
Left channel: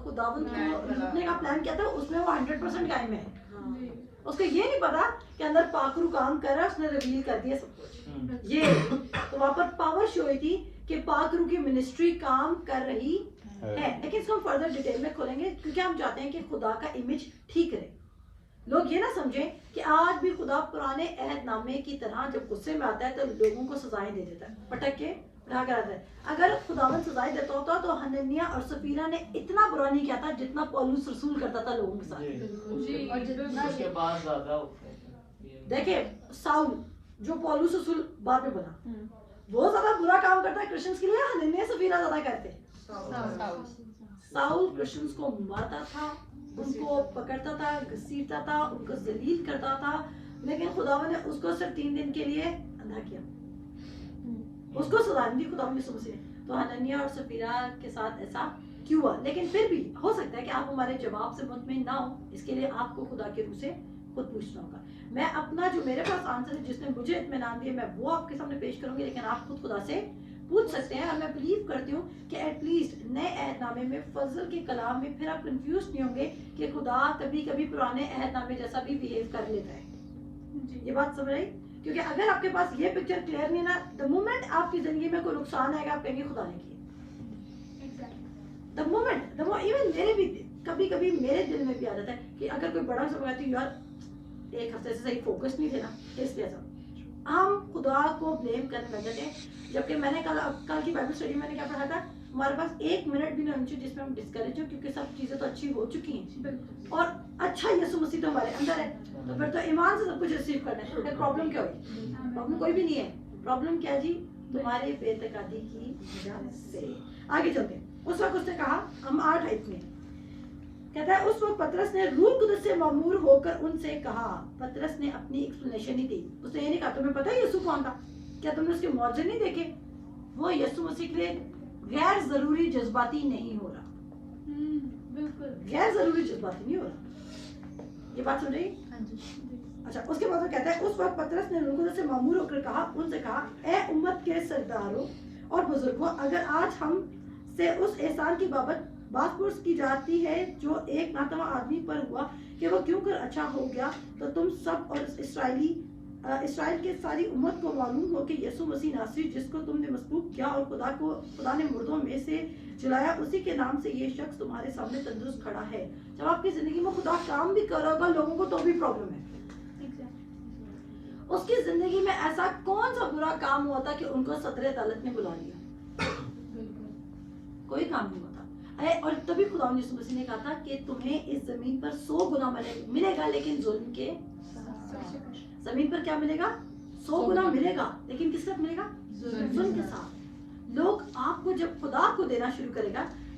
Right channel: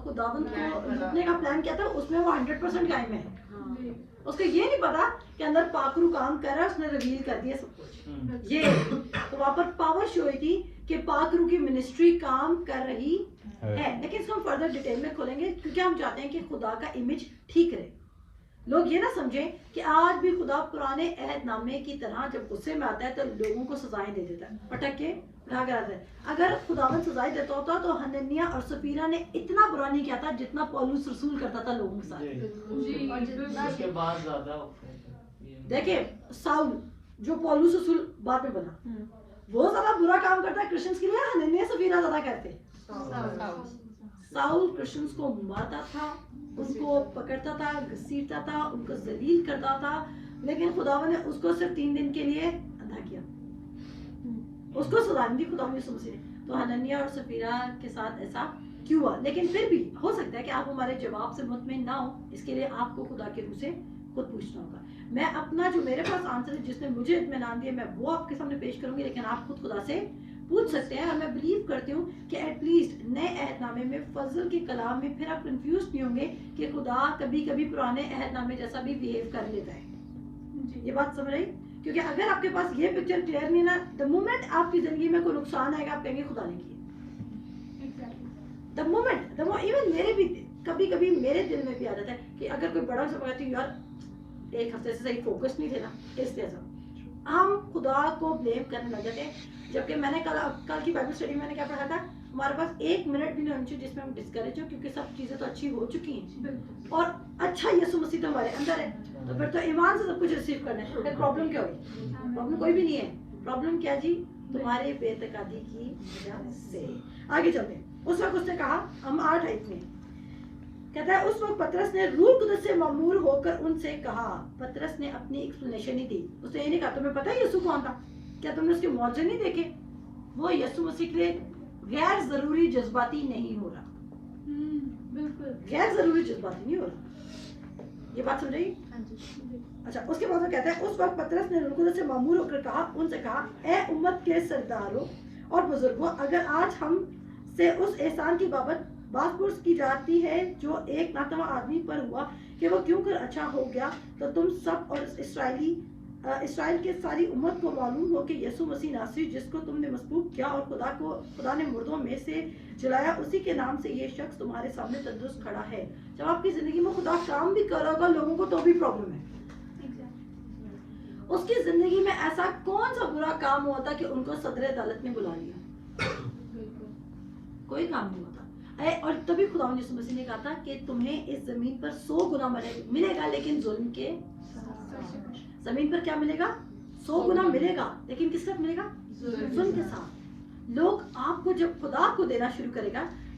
خداوند کو لوٹنے کا پلان کیا تھا اس میں وہ 100% قائم ہے. اس کو یہ نہیں پتا کہ اندر پاکرو کام کر رہا ہے, اس نے ریویل کر دیا سب کچھ. یہ تو وہاں پر پاور شو ہوئی تھی کہ پاکرو کی منسٹری کام کر رہی ہے. لیکن اس کو ہم فردر ڈیٹیل میں کھولیں گے کیونکہ ہم چاہتے ہیں کہ خدا کا امیج ٹھیک رہے. لوگ یہ نہ سمجھیں کہ آج بھی خدا پرانے عہد نامے کی طرح جب غصے میں آتا ہے تو لوگوں کو سزائیں دے دیتا ہے, پٹک کے کہا کرتا ہے. اگر خداوند سزائیں دیتا ہوتا تو حنانیہ اور سفیرہ نے اتنا برا نہیں کیا تھا جتنا پولس رسول کرتا تھا لوگوں کے ساتھ. اس کے بعد وعدہ دیکھیں ساؤل جو پولس رسول بعد میں بنا, وہ زیادہ برا کام کرتا ہے کرسچنس کے لیے, حنانیہ سفیرہ زیادہ کرتے. ساؤل کرسچنس کو مارتا تھا, ان کو پکڑتا تھا, گھسیٹتا تھا, ان کو ذلیل کرتا تھا, لیکن خداوند نے اس کو صرف 3 دن کے لیے اندھا کیا. اس کو سزا نہیں دی خداوند یسوع مسیح نے. تو حنانیہ اور سفیرہ کے ساتھ ایسا کیوں ہوا؟ لیکن پھر بھی ہو سکتا ہے کہ آپ ہمارے جواب سے مطمئن نہ ہو, اس کے لیے آپ کو خدا کے روح سے خود پوچھنا ہوگا. میں اپنا جو میرے پاس آنسر ہے جس نے مجھے اطمینان دیا میں وہ آپ کے سامنے پیش کروں گی, لیکن آپ خود خدا سے پوچھ سکتے ہیں. اور میں بلیو کرتی ہوں کہ ایٹ لیسٹ نئے عہد نامے میں فضل کے کلام میں پھر آپ کنفیوز نہیں ہوں گے کہ خدا کبھی کبھی پرانے عہد نامے جیسا بھی بہیو کر لیتا ہے. یہ بات سمجھ رہی؟ کیونکہ اگر آپ کے پاس یہ پکچر کلیئر نہیں نا, دا مومنٹ آپ کی زندگی میں کوئی نقصان آئے گا آپ کہیں گے خدا نے کیا. دا مومنٹ ایون میرے بھی کبھی کبھی میرے دل میں بھی آ جاتا ہے کہ اگر کوئی بڑا سب کہتی ہوں یار ایک ہفتے سے صحیح فوکس نہیں دینا, اس جیسا ہم خدا کو بلیم کرنے لگ جاتے ہیں. جبکہ میں نے کل کی بائبل اسٹڈی میں نے کیا پڑھا تھا, ہمارے پاس 1 منٹ بھی نہیں ہونی چاہیے جس میں ہم ڈسکریج ہوں, کیونکہ سب چیزیں تو اچھی ہو چکی ہیں اور اچھا یسوع مسیح تو ہمارے اندر ہے. تو پھر تو ایمان سے سب کچھ ریسیو کرنا ہے. پھر پرابلم کیا ہوگی؟ پرابلم کوئی بھی نہیں ہے. پرابلم کیا جی؟ تمہارے بے اعتقادی کی وجہ سے. آگے چلتے ہیں. اس وقت اس نے کہا, ہم 8 آیت میں کہتا ہے, اس وقت پطرس نے روح القدس سے معمور ہو کر ان سے کہا. پطرس نے اپنی ایکسپلینیشن نہیں دی. اس نے یہ نہیں کہا تمہیں پتہ ہے یسوع کون تھا, کیا تم نے اس کے معجزے نہیں دیکھے؟ وہ یسوع مسیح کے لیے غیر ضروری جذباتی نہیں ہو رہا. بالکل غیر ضروری جذباتی نہیں ہو رہا. یہ بات سمجھ رہی؟ اچھا, اس کے بعد وہ کہتا ہے, اس وقت پطرس نے روح القدس سے معمور ہو کر کہا, ان سے کہا, اے امت کے سرداروں اور بزرگوں, اگر آج ہم سے اس احسان کی بات پرس کی جاتی ہے جو ایک ناتواں آدمی پر ہوا کہ وہ کیوں کر اچھا ہو گیا, تو تم سب اور اسرائیل کے ساری امت کو معلوم ہو کہ یسوع مسیح ناصری جس کو تم نے مسلوب کیا اور خدا نے مردوں میں سے جلایا, اسی کے نام سے یہ شخص تمہارے سامنے تندرست کھڑا ہے. جب آپ کی زندگی میں خدا کام بھی کر رہا ہوگا لوگوں کو تو بھی پرابلم ہے. اس کی زندگی میں ایسا کون سا برا کام ہوا تھا کہ ان کو صدر عدالت نے بلا لیا؟ کوئی کام نہیں ہوتا. اور تبھی خدا یسوع مسیح نے کہا تھا کہ تمہیں اس زمین پر 100 گنا ملے گا, لیکن ظلم کے زمین پر کیا ملے گا؟ 100 گنا ملے گا, لیکن کس ساتھ ملے گا؟ ظلم کے ساتھ. لوگ آپ کو جب خدا کو دینا شروع کرے گا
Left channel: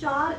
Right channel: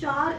4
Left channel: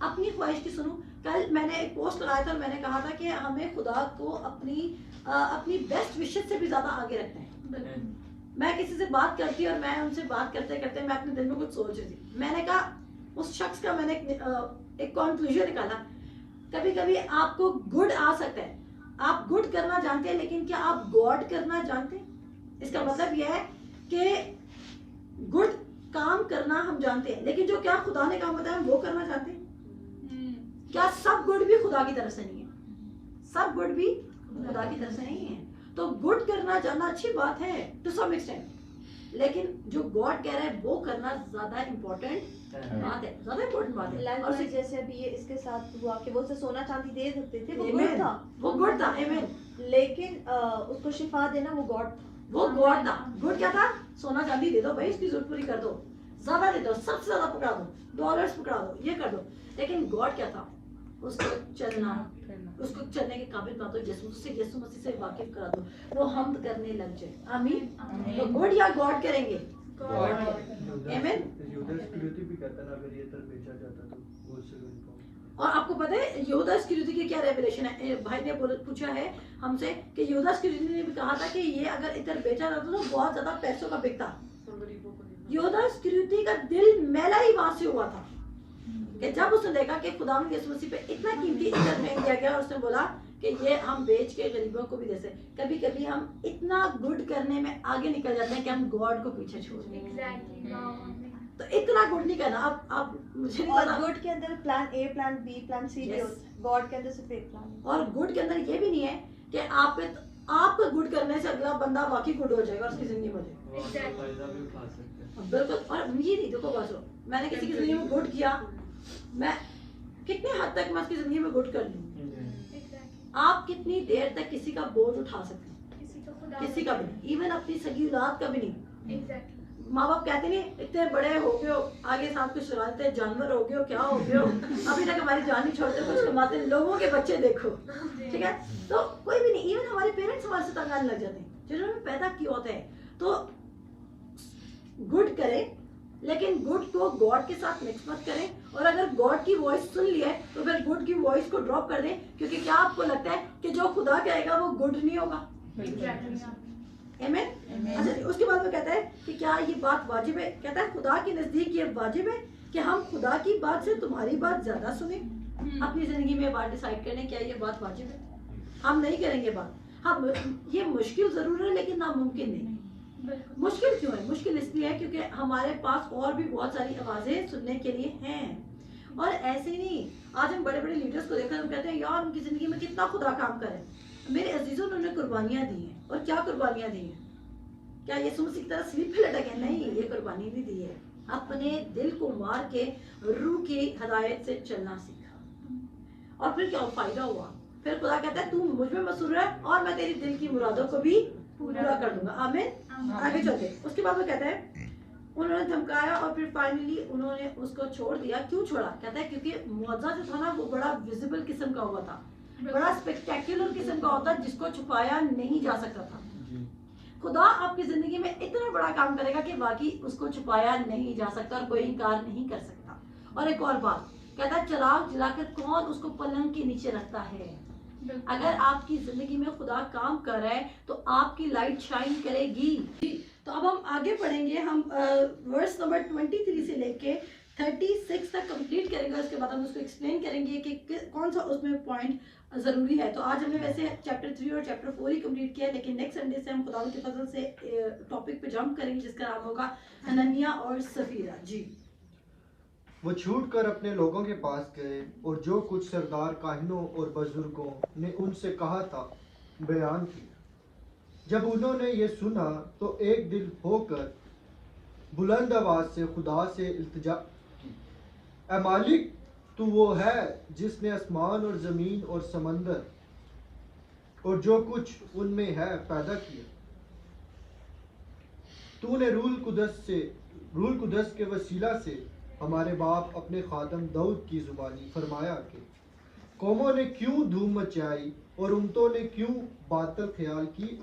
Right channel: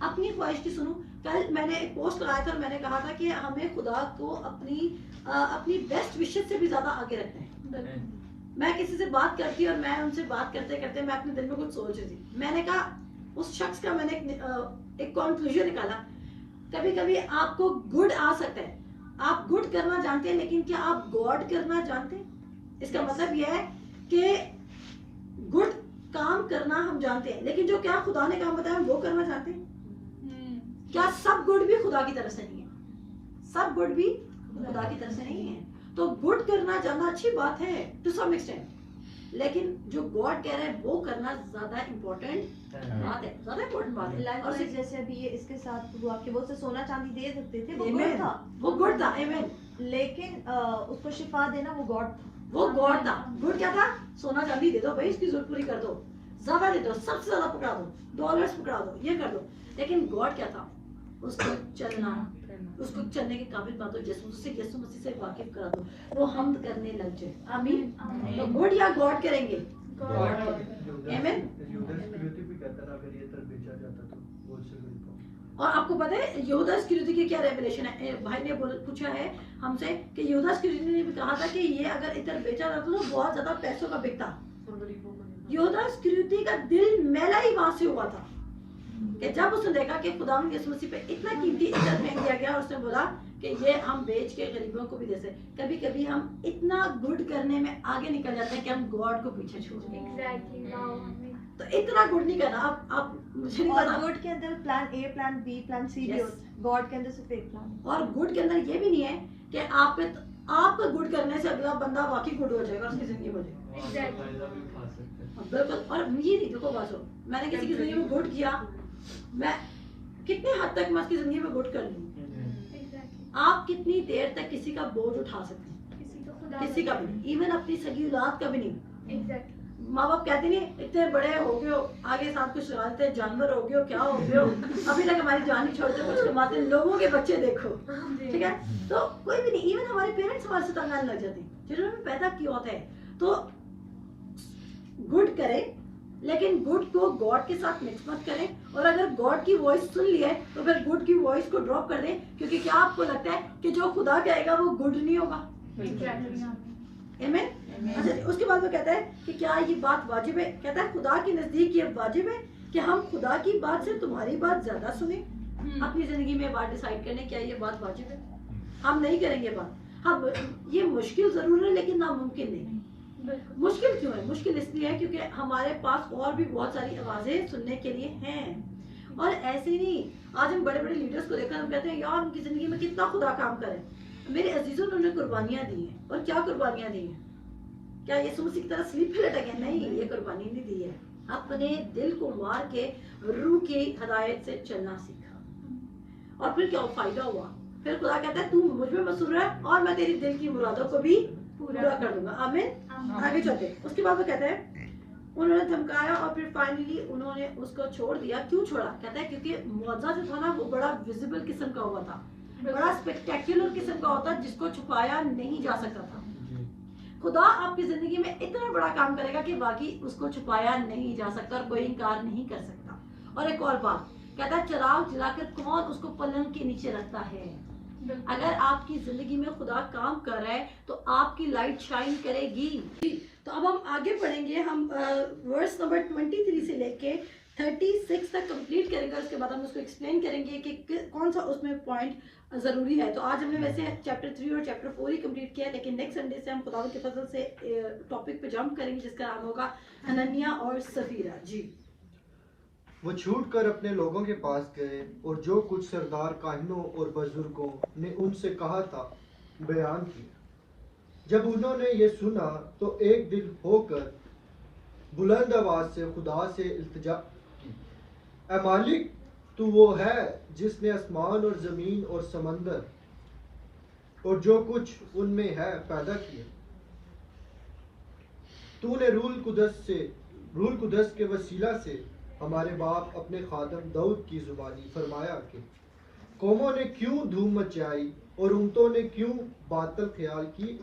اپنی خواہش کی سنوں. کل میں نے ایک پوسٹ لگایا تھا اور میں نے کہا تھا کہ ہمیں خدا کو اپنی بیسٹ وشز سے بھی زیادہ آگے رکھنا ہے. میں کسی سے بات کرتی اور میں ان سے بات کرتے کرتے میں اپنے دل میں کچھ سوچ رہی تھی. میں نے کہا اس شخص کا میں نے ایک کنکلوژن نکالا. کبھی کبھی آپ کو گڈ آ سکتا ہے, آپ گڈ کرنا جانتے ہیں, لیکن کیا آپ گاڈ کرنا جانتے ہیں؟ اس کا مطلب یہ ہے کہ گڈ کام کرنا ہم جانتے ہیں, لیکن جو کیا خدا نے کام بتایا ہم وہ کرنا چاہتے ہیں. کیا سب گڈ بھی خدا کی طرف سے نہیں ہے؟ سب گڈ بھی خدا کی طرف سے نہیں ہے. تو گڈ کرنا جاننا اچھی بات ہے ٹو سم ایکسٹینٹ, لیکن جو گاڈ کہہ رہا ہے وہ کرنا زیادہ امپورٹنٹ بات ہے, زیادہ امپورٹنٹ بات ہے. اور جیسے ابھی یہ اس کے ساتھ ہوا کہ وہ اسے سونا چاندی دے سکتے تھے, وہ Amen. گڈ تھا, وہ گڈ تھا. آمین. لیکن اس کو شفا دینا وہ گاڈ تھا. وہ گاڈ تھا. گڈ کیا تھا؟ سونا چاندی دے دو بھائی, اس کی ضرورت پوری کر دو, زیادہ دے دو, سب سے زیادہ پکڑا دو, ڈالرز پکڑا دو, یہ کر دو. لیکن گاڈ کیا تھا؟ اس کو چلنا, اس کو چلنے کے قابل بنا دو, یسوع مسیح سے واقف کرا دو, وہ حمد کرنے لگ جائے. آمین. تو گڈ یا گاڈ کریں گے؟ گاڈ کریں گے. آمین. اور آپ کو پتہ ہے یہودا اسکریوتی کی کیا ریویلیشن ہے؟ بھائی نے پوچھا ہے ہم سے کہ یہودا اسکریوتی نے بھی کہا تھا کہ یہ اگر ادھر بیچا جاتا تو بہت زیادہ پیسوں کا بکتا. یہودا اسکریوتی کا دل میلا ہی وہاں سے ہوا تھا کہ جب اس نے دیکھا کہ خداوند یسوع مسیح پہ اتنا قیمتی عزت پھینک دیا گیا, اس نے بولا کہ یہ ہم بیچ کے غریبوں کو بھی دے سکتے. کبھی کبھی ہم اتنا گڈ کرنے میں آگے نکل جاتے ہیں کہ ہم گاڈ کو پیچھے چھوڑ دیں. تو اتنا گڈ نہیں کرنا. آپ مجھے نہیں پتا. گڈ کے اندر plan a, plan be, plan سی بھی ہوتا ہے. گاڈ کے اندر صرف ایک پلان. اور گڈ کے اندر یہ بھی نہیں ہے کہ آپ کو گڈ کرنے سے اگلا بندہ واقعی گڈ ہو جائے گا, اس کی زندگی میں ہو جائے گا. بالکل. اور یہ نہیں, دیکھو باسو, میں نے کسی کی زندگی میں گڈ کیا, میں کتنے حد تک میں اس کی زندگی میں گڈ کر لوں. آپ کتنی دیر تک کسی کا بوجھ اٹھا سکتے ہیں؟ کسی کا بھی نہیں, ایون اپنی سگی اولاد کا بھی نہیں. ماں باپ کہتے نہیں اتنے بڑے ہو گئے ہو, آگے ساتھ کچھ چلاتے جانور ہو گئے ہو, کیا ہو گئے ہو, ابھی تک ہماری جان نہیں چھوڑتے, کچھ کماتے ہیں, لوگوں کے بچے دیکھو. ٹھیک ہے, تو کوئی بھی نہیں. ایون ہمارے پیرنٹس ہمارے سے تنگ آنے لگ جاتے ہیں جنہوں نے پیدا کیا ہوتا ہے. تو گڈ کریں, لیکن گڈ کو گاڈ کے ساتھ مکس مت کریں. اور اگر گاڈ کی وائس سن لی ہے تو پھر گڈ کی وائس کو ڈراپ کر دیں, کیونکہ کیا آپ کو لگتا ہے کہ جو خدا کہے گا وہ گڈ نہیں ہوگا؟ آمین. اچھا, اس کے بعد وہ کہتا ہے کہ کیا یہ بات واجب ہے؟ کہتا ہے خدا کے نزدیک یہ واجب ہے کہ ہم خدا کی بات سے تمہاری بات زیادہ سنیں. اپنی زندگی میں بات ڈیسائیڈ کریں کیا یہ بات واجب ہے. ہم نہیں کریں گے بات. ہم یہ مشکل ضرور ہے لیکن ناممکن نہیں. مشکل کیوں ہے؟ مشکل اس لیے ہے کیونکہ ہمارے پاس اور بھی بہت ساری آوازیں سننے کے لیے ہیں. اور ایسے نہیں, آج ہم بڑے بڑے لیڈرز کو دیکھ کر ہم کہتے ہیں یار ان کی زندگی میں کتنا خدا کام کرے. میرے عزیزوں, انہوں نے قربانیاں دی ہیں. اور کیا قربانیاں دی ہیں؟ کیا یسوع مسیح کی طرح سلیپ پہ لٹک گئے؟ نہیں, یہ قربانی نہیں دی ہے. اپنے دل کو مار کے روح کی ہدایت سے چلنا سیکھا. اور پھر کیا فائدہ ہوا؟ پھر خدا کہتا ہے تو مجھ میں مسرور ہے اور میں تیری دل کی مرادوں کو بھی پورا کر دوں گا. آمین. آگے چلتے. اس کے بعد وہ کہتا ہے انہوں نے دھمکایا اور پھر فائنلی انہوں نے اس کو چھوڑ دیا. کیوں چھوڑا؟ کہتا ہے کیونکہ معجزہ جو تھا نا وہ بڑا ویزیبل قسم کا ہوا تھا, بڑا اسپیکٹیکولر قسم کا ہوتا جس کو چھپایا نہیں جا سکتا تھا. خدا آپ کی زندگی میں اتنا بڑا کام کرے گا کہ واقعی اس کو چھپایا نہیں جا سکتا اور کوئی انکار نہیں کر سکتا. اور ایک اور بات کہتا ہے چراغ جلا کر کون اس کو پلنگ کے نیچے رکھتا ہے. اگر آپ کی زندگی میں خدا کام کر رہا ہے تو آپ کی لائٹ شائن کرے گی. تو اب ہم آگے پڑھیں گے. ہم ورس نمبر 23 سے لے کے 36 تک کمپلیٹ کریں گے. اس کے بعد ہم اس کو ایکسپلین کریں گے کہ کون سا اس میں پوائنٹ ضروری ہے. تو آج ہم نے ویسے چیپٹر 3 اور چیپٹر 4 ہی کمپلیٹ کیا ہے, لیکن نیکسٹ سنڈے سے ہم خدا کے فضل سے ٹاپک پہ جمپ کریں گے جس کا نام ہوگا حنانیہ اور سفیرہ. جی. وہ چھوٹ کر اپنے لوگوں کے پاس گئے اور جو کچھ سردار کاہنوں اور بزرگوں نے ان سے کہا تھا بیان کی. جب انہوں نے یہ سنا تو ایک دل ہو کر بلند آواز سے خدا سے التجا کی, اے مالک تو وہ ہے جس نے آسمان اور زمین اور سمندر اور جو کچھ ان میں ہے پیدا کیا. تو نے روح القدس کے وسیلہ سے ہمارے باپ اپنے خادم داؤد کی زبانی فرمایا کہ قوموں نے کیوں دھوم مچائی اور امتوں نے کیوں باطل خیال کی.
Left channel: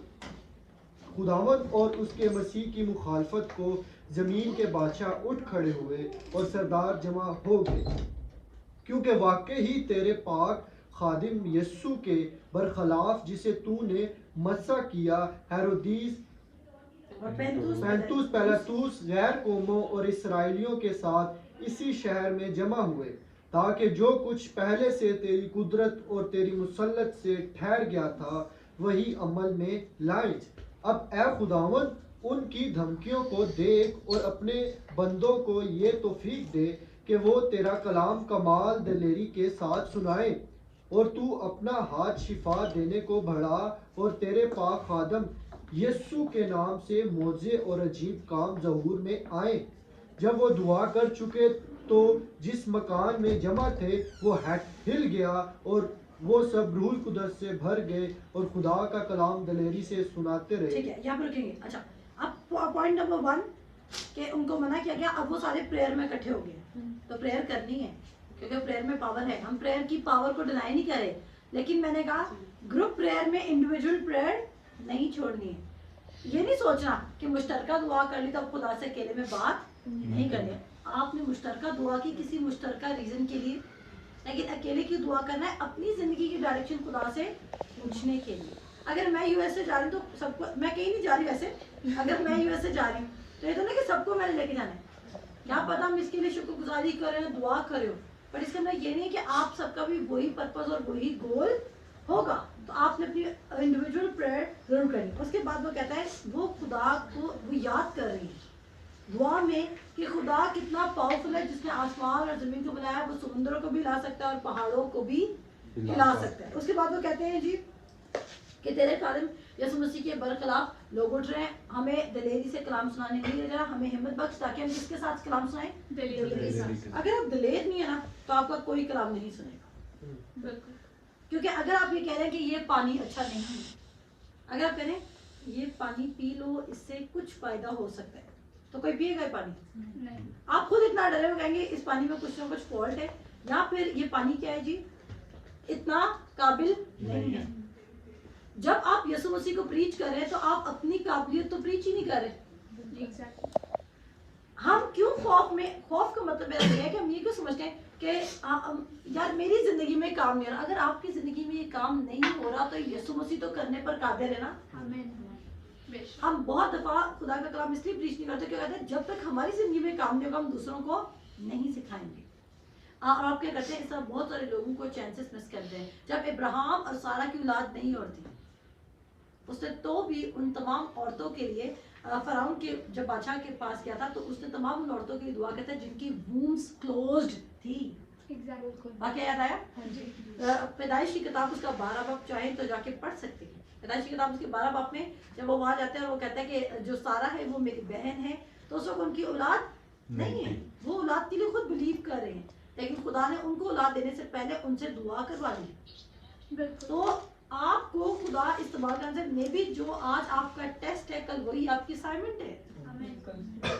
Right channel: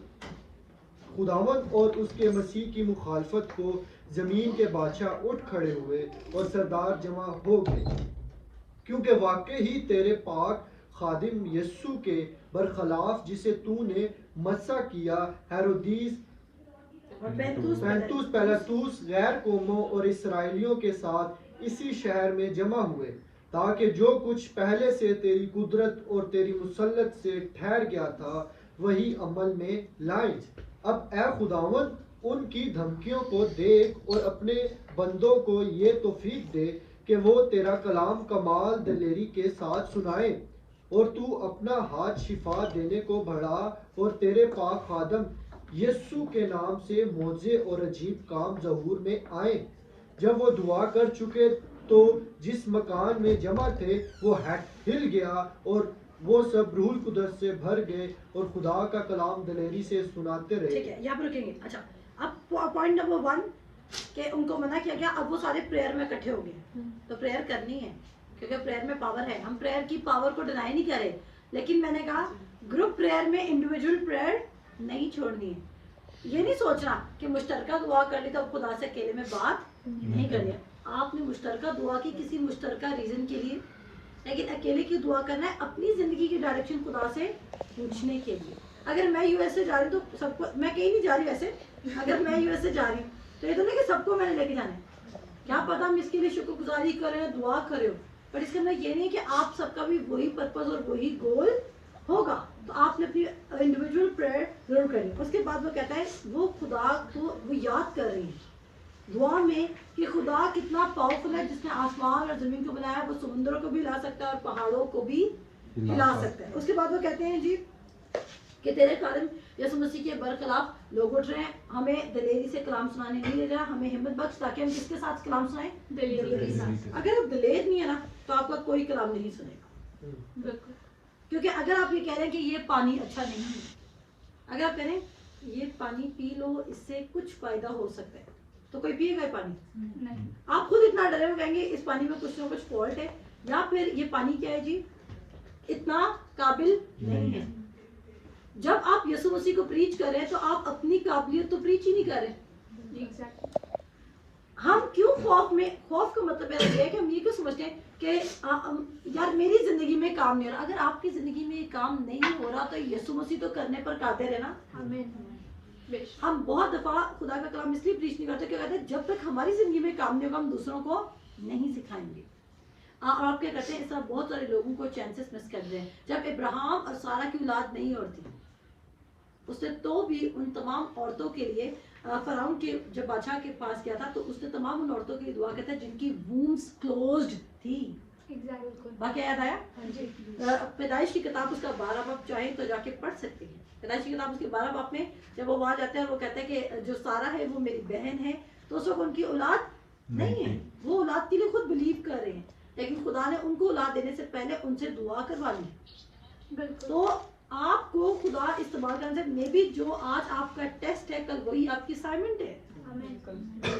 خداوند اور اس کے مسیح کی مخالفت کو زمین کے بادشاہ اٹھ کھڑے ہوئے اور سردار جمع ہو گئے. کیونکہ واقعی ہی تیرے پاک خادم یسوع کے برخلاف جسے تو نے مسح کیا ہیرودیس اور پینتوس پیلاطوس غیر قوموں اور اسرائیلیوں کے ساتھ اسی شہر میں جمع ہوئے تاکہ جو کچھ پہلے سے تیری قدرت اور تیری مسلط سے ٹھہر گیا تھا وہی عمل میں لائیں۔ اب اے خداوند ان کی دھمکیوں کو دیکھ اور اپنے بندوں کو یہ توفیق دے کہ وہ تیرا کلام کمال دلیری کے ساتھ سنائیں، اور تو اپنا ہاتھ شفا دینے کو بڑھا اور تیرے پاک خادم یسوع کے نام سے معجزے اور عجیب کام ظہور میں آئیں۔ جب وہ دعا کر چکے تو جس مکان میں جمع تھے وہ ہل گیا اور وہ سب روح القدس سے بھر گئے اور خدا کا کلام دلیری سے سناتے رہے۔ ٹھیک ہے، یہاں پہ رکیں گے۔ اچھا، اب پوائنٹ نمبر 1 کہ ان کو منع کیا گیا، اب وہ سارے پریئر میں اکٹھے ہو گئے تو پریئر کرنی ہے کیونکہ پریئر میں پاور ہے۔ ہم پریئر کی پاور کو ڈینائی نہیں کر رہے، لیکن میں نے کہا گروپ پریئر میں انڈیویجول پریئر نہیں چھوڑنی ہے۔ یہ نہیں سوچنا کہ مشترکہ دعا کر لی تو اب خدا سے اکیلے میں بات نہیں کرنی۔ آپ نے مشترکہ دعا کی کسی مشترکہ ریزن کے لیے، لیکن اکیلے کی دعا کرنا ہے اپنی زندگی کی ڈائریکشن خدا سے پوچھنے کے لیے۔ اگر میں یو ایس سے جا رہی ہوں تو سب کو، میں کہیں نہیں جا رہی ویسے، اگر میں یو ایس سے جا رہی ہوں تو یہ تو نہیں کہ سب کو میں نے لے کے جانا ہے، کیا پتا ہم اس کے لیے شکر گزاری کریں، دعا کریں، بٹ اس کا میں یہ نہیں کہ آپ سب کا بھی وہی پرپز اور وہی گول ہوگا۔ تو آپ نے اپنی انڈیویجول پریئر ضرور کرنی۔ اس کے بعد وہ کہتا ہے وہ خدا کو وہ یاد کر رہی ہے دعا میں کہ خدا کتنا پاورفل ہے، جس نے آسمان اور زمین کو بنایا، وہ سمندروں کو بھی ہلا سکتا ہے اور پہاڑوں کو بھی ہلا سکتا ہے۔ اس کے بعد وہ کہتے ہیں جی کہ تیرے خادم یسوع مسیح کے برخلاف لوگ اٹھ رہے ہیں، ہمیں دلیری سے کلام سنانے نہیں لے جانا، ہمیں ہمت بخش تاکہ ہم کس کے ساتھ کلام سنائیں، دلیری کے ساتھ۔ اگر آپ دلیر نہیں ہے نا تو آپ کا کوئی کلام نہیں سنے گا، بالکل، کیونکہ اگر آپ یہ کہہ رہے ہیں کہ یہ پانی اچھا نہیں ہے، اگر آپ کہہ رہے ہیں یہ پانی پی لو اس سے کچھ فائدہ ہو سکتا ہے، تو کوئی پیے گا یہ پانی؟ نہیں، آپ خود اتنا ڈرے ہو کہیں گے اس پانی میں کچھ نہ کچھ فالٹ ہے، یا پھر یہ پانی کیا ہے جی اتنا قابل نہیں ہے۔ جب آپ یسوع مسیح کو پریچ کر رہے ہیں تو آپ اپنی قابلیت تو پریچ ہی نہیں کر رہے۔ ایگزیکٹلی، ہم کیوں خوف کا مطلب یہ ہے کہ ہم یہ کیوں سمجھتے ہیں کہ یار میری زندگی میں کام نہیں ہو رہا۔ اگر آپ کی زندگی میں یہ کام نہیں ہو رہا تو یسوع مسیح تو کرنے پر قادر ہے نا۔ آمین، بے شک، ہم بہت دفعہ خدا کا کلام اس لیے پریچ نہیں کرتے کہ کہتے ہیں جب تک ہماری زندگی میں کام نہیں ہوگا ہم دوسروں کو نہیں سکھائیں گے۔ اور آپ کیا کرتے ہیں، اس طرح بہت سارے لوگوں کو چانسز مس کرتے ہیں۔ جب ابراہیم اور سارہ کی اولاد نہیں ہوتی اس نے تو بھی ان تمام عورتوں کے لیے فرعون کے جب بادشاہ کے پاس گیا تھا تو اس نے تمام ان عورتوں کی دعا کرتا ہے جن کی وومز کلوزڈ تھی۔ ایگزیکٹلی، واقعہ یاد آیا؟ جی، پیدائش کی کتاب اس کا 12 باب چاہیں تو جا کے پڑھ سکتے ہیں۔ پیدائش کی کتاب اس کے 12 باب میں جب وہ وہاں جاتے ہیں وہ کہتے ہیں کہ جو سارہ ہے وہ میری بہن ہے، تو اس وقت ان کی اولاد نہیں ہے، وہ اولاد کے لیے خود بلیو کر رہے ہیں، لیکن خدا نے ان کو اولاد دینے سے پہلے ان سے دعا کروا لی۔ بالکل، تو آپ کو خدا استعمال کرنے سے، مے بی جو آج آپ کا ٹیسٹ ہے کل وہی آپ کی اسائنمنٹ ہے، آمین،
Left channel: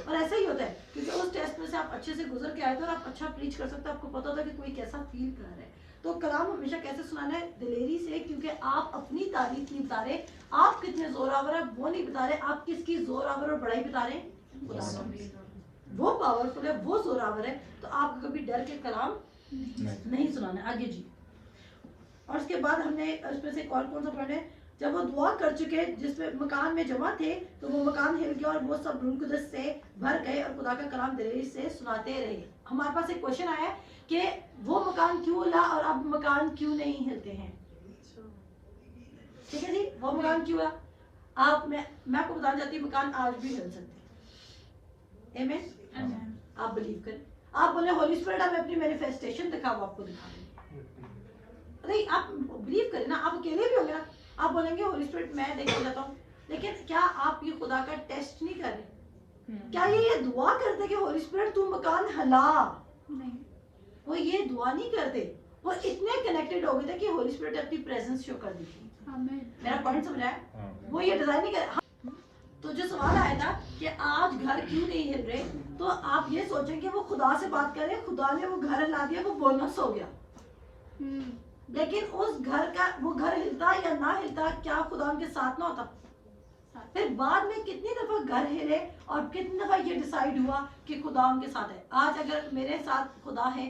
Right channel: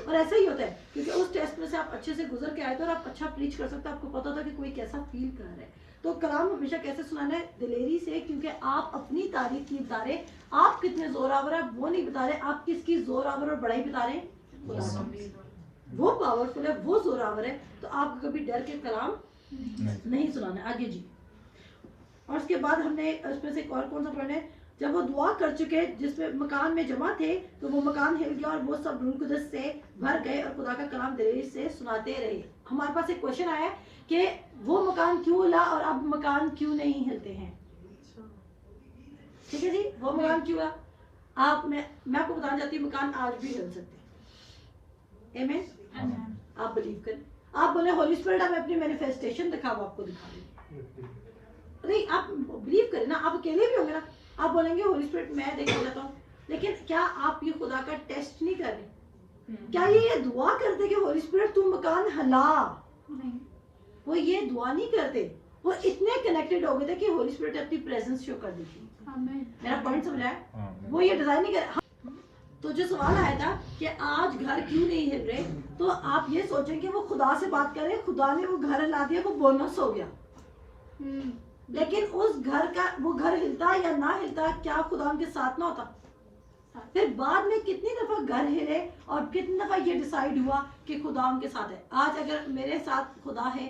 اور ایسا ہی ہوتا ہے کیونکہ اس ٹیسٹ میں سے آپ اچھے سے گزر کے آئے تھے اور آپ اچھا پریچ کر سکتے ہیں، آپ کو پتا ہوتا ہے کہ کوئی کیسا فیل کر رہا ہے۔ تو کلام ہمیشہ کیسے سنانا ہے؟ دلیری سے، کیونکہ آپ اپنی تعریف نہیں بتا رہے، آپ کتنے زور آور ہیں وہ نہیں بتا رہے، آپ کس کی زور آور اور بڑائی بتا رہے ہیں؟ خدا کی۔ وہ پاورفل ہے، وہ زور آور ہے، تو آپ کبھی ڈر کے کلام نہیں سنانا ہے۔ آگے جی، اور اس کے بعد ہم نے اس میں سے ایک اور کون سا پڑھنا ہے؟ جب وہ دعا کر چکے جس میں مکان میں جمع تھے تو وہ مکان ہل گیا اور وہ سب روح القدس سے بھر گئے اور خدا کا کلام دلیری سے سناتے رہے۔ ہمارے پاس ایک کوشچن آیا کہ وہ مکان کیوں ہلا اور اب مکان کیوں نہیں ہلتے ہیں؟ ٹھیک ہے جی، وہ مکان کیوں ہلا؟ میں آپ کو بتانا چاہتی ہوں مکان آج بھی ہل سکتے ہیں۔ آمین، آپ بلیو کریں، آپ بولیں ہولی اسپرٹ ہمیں اپنی مینیفیسٹیشن دکھاؤ، آپ کو دکھا دیں، نہیں آپ بلیو کریں نا، آپ اکیلے بھی ہوں گے نا، آپ بولیں گے ہولی اسپرٹ میں دیکھنا چاہتا ہوں، لیکن کیا آپ یہ خدا کا ٹیسٹ نہیں کر رہے؟ کیا یہ دعا کرتے کہ ہولی اسپرٹ تو مکان ہلا؟ نہیں، وہ یہ دعا نہیں کرتے، وہ اتنے کنیکٹڈ ہو گئے تھے کہ ہولی اسپرٹ اپنی پریزنس شو کر دی تھی۔ آمین، میرا پوائنٹ سمجھایا؟ وہ یہ ڈیزائن نہیں کرے۔ تو جو سوال آیا تھا کہ آج گھر کیوں نہیں ہل رہے، تو آپ یہ سوچیں کہ وہ خدا سے بات کرے، خدا نے وہ گھر ہلا دیا، وہ بونس ہو گیا، لیکن اس گھر کا وہ گھر ہلتا یا نہ ہلتا، کیا خدا ان کے ساتھ نہ ہوتا؟ پھر بعد میں کتنی دفعہ گھر ہلے اور کتنی دفعہ یہ ڈیسائیڈ ہوا کہ خدا ان کے ساتھ ہے۔ آج اگر میرے ساتھ خدا ہے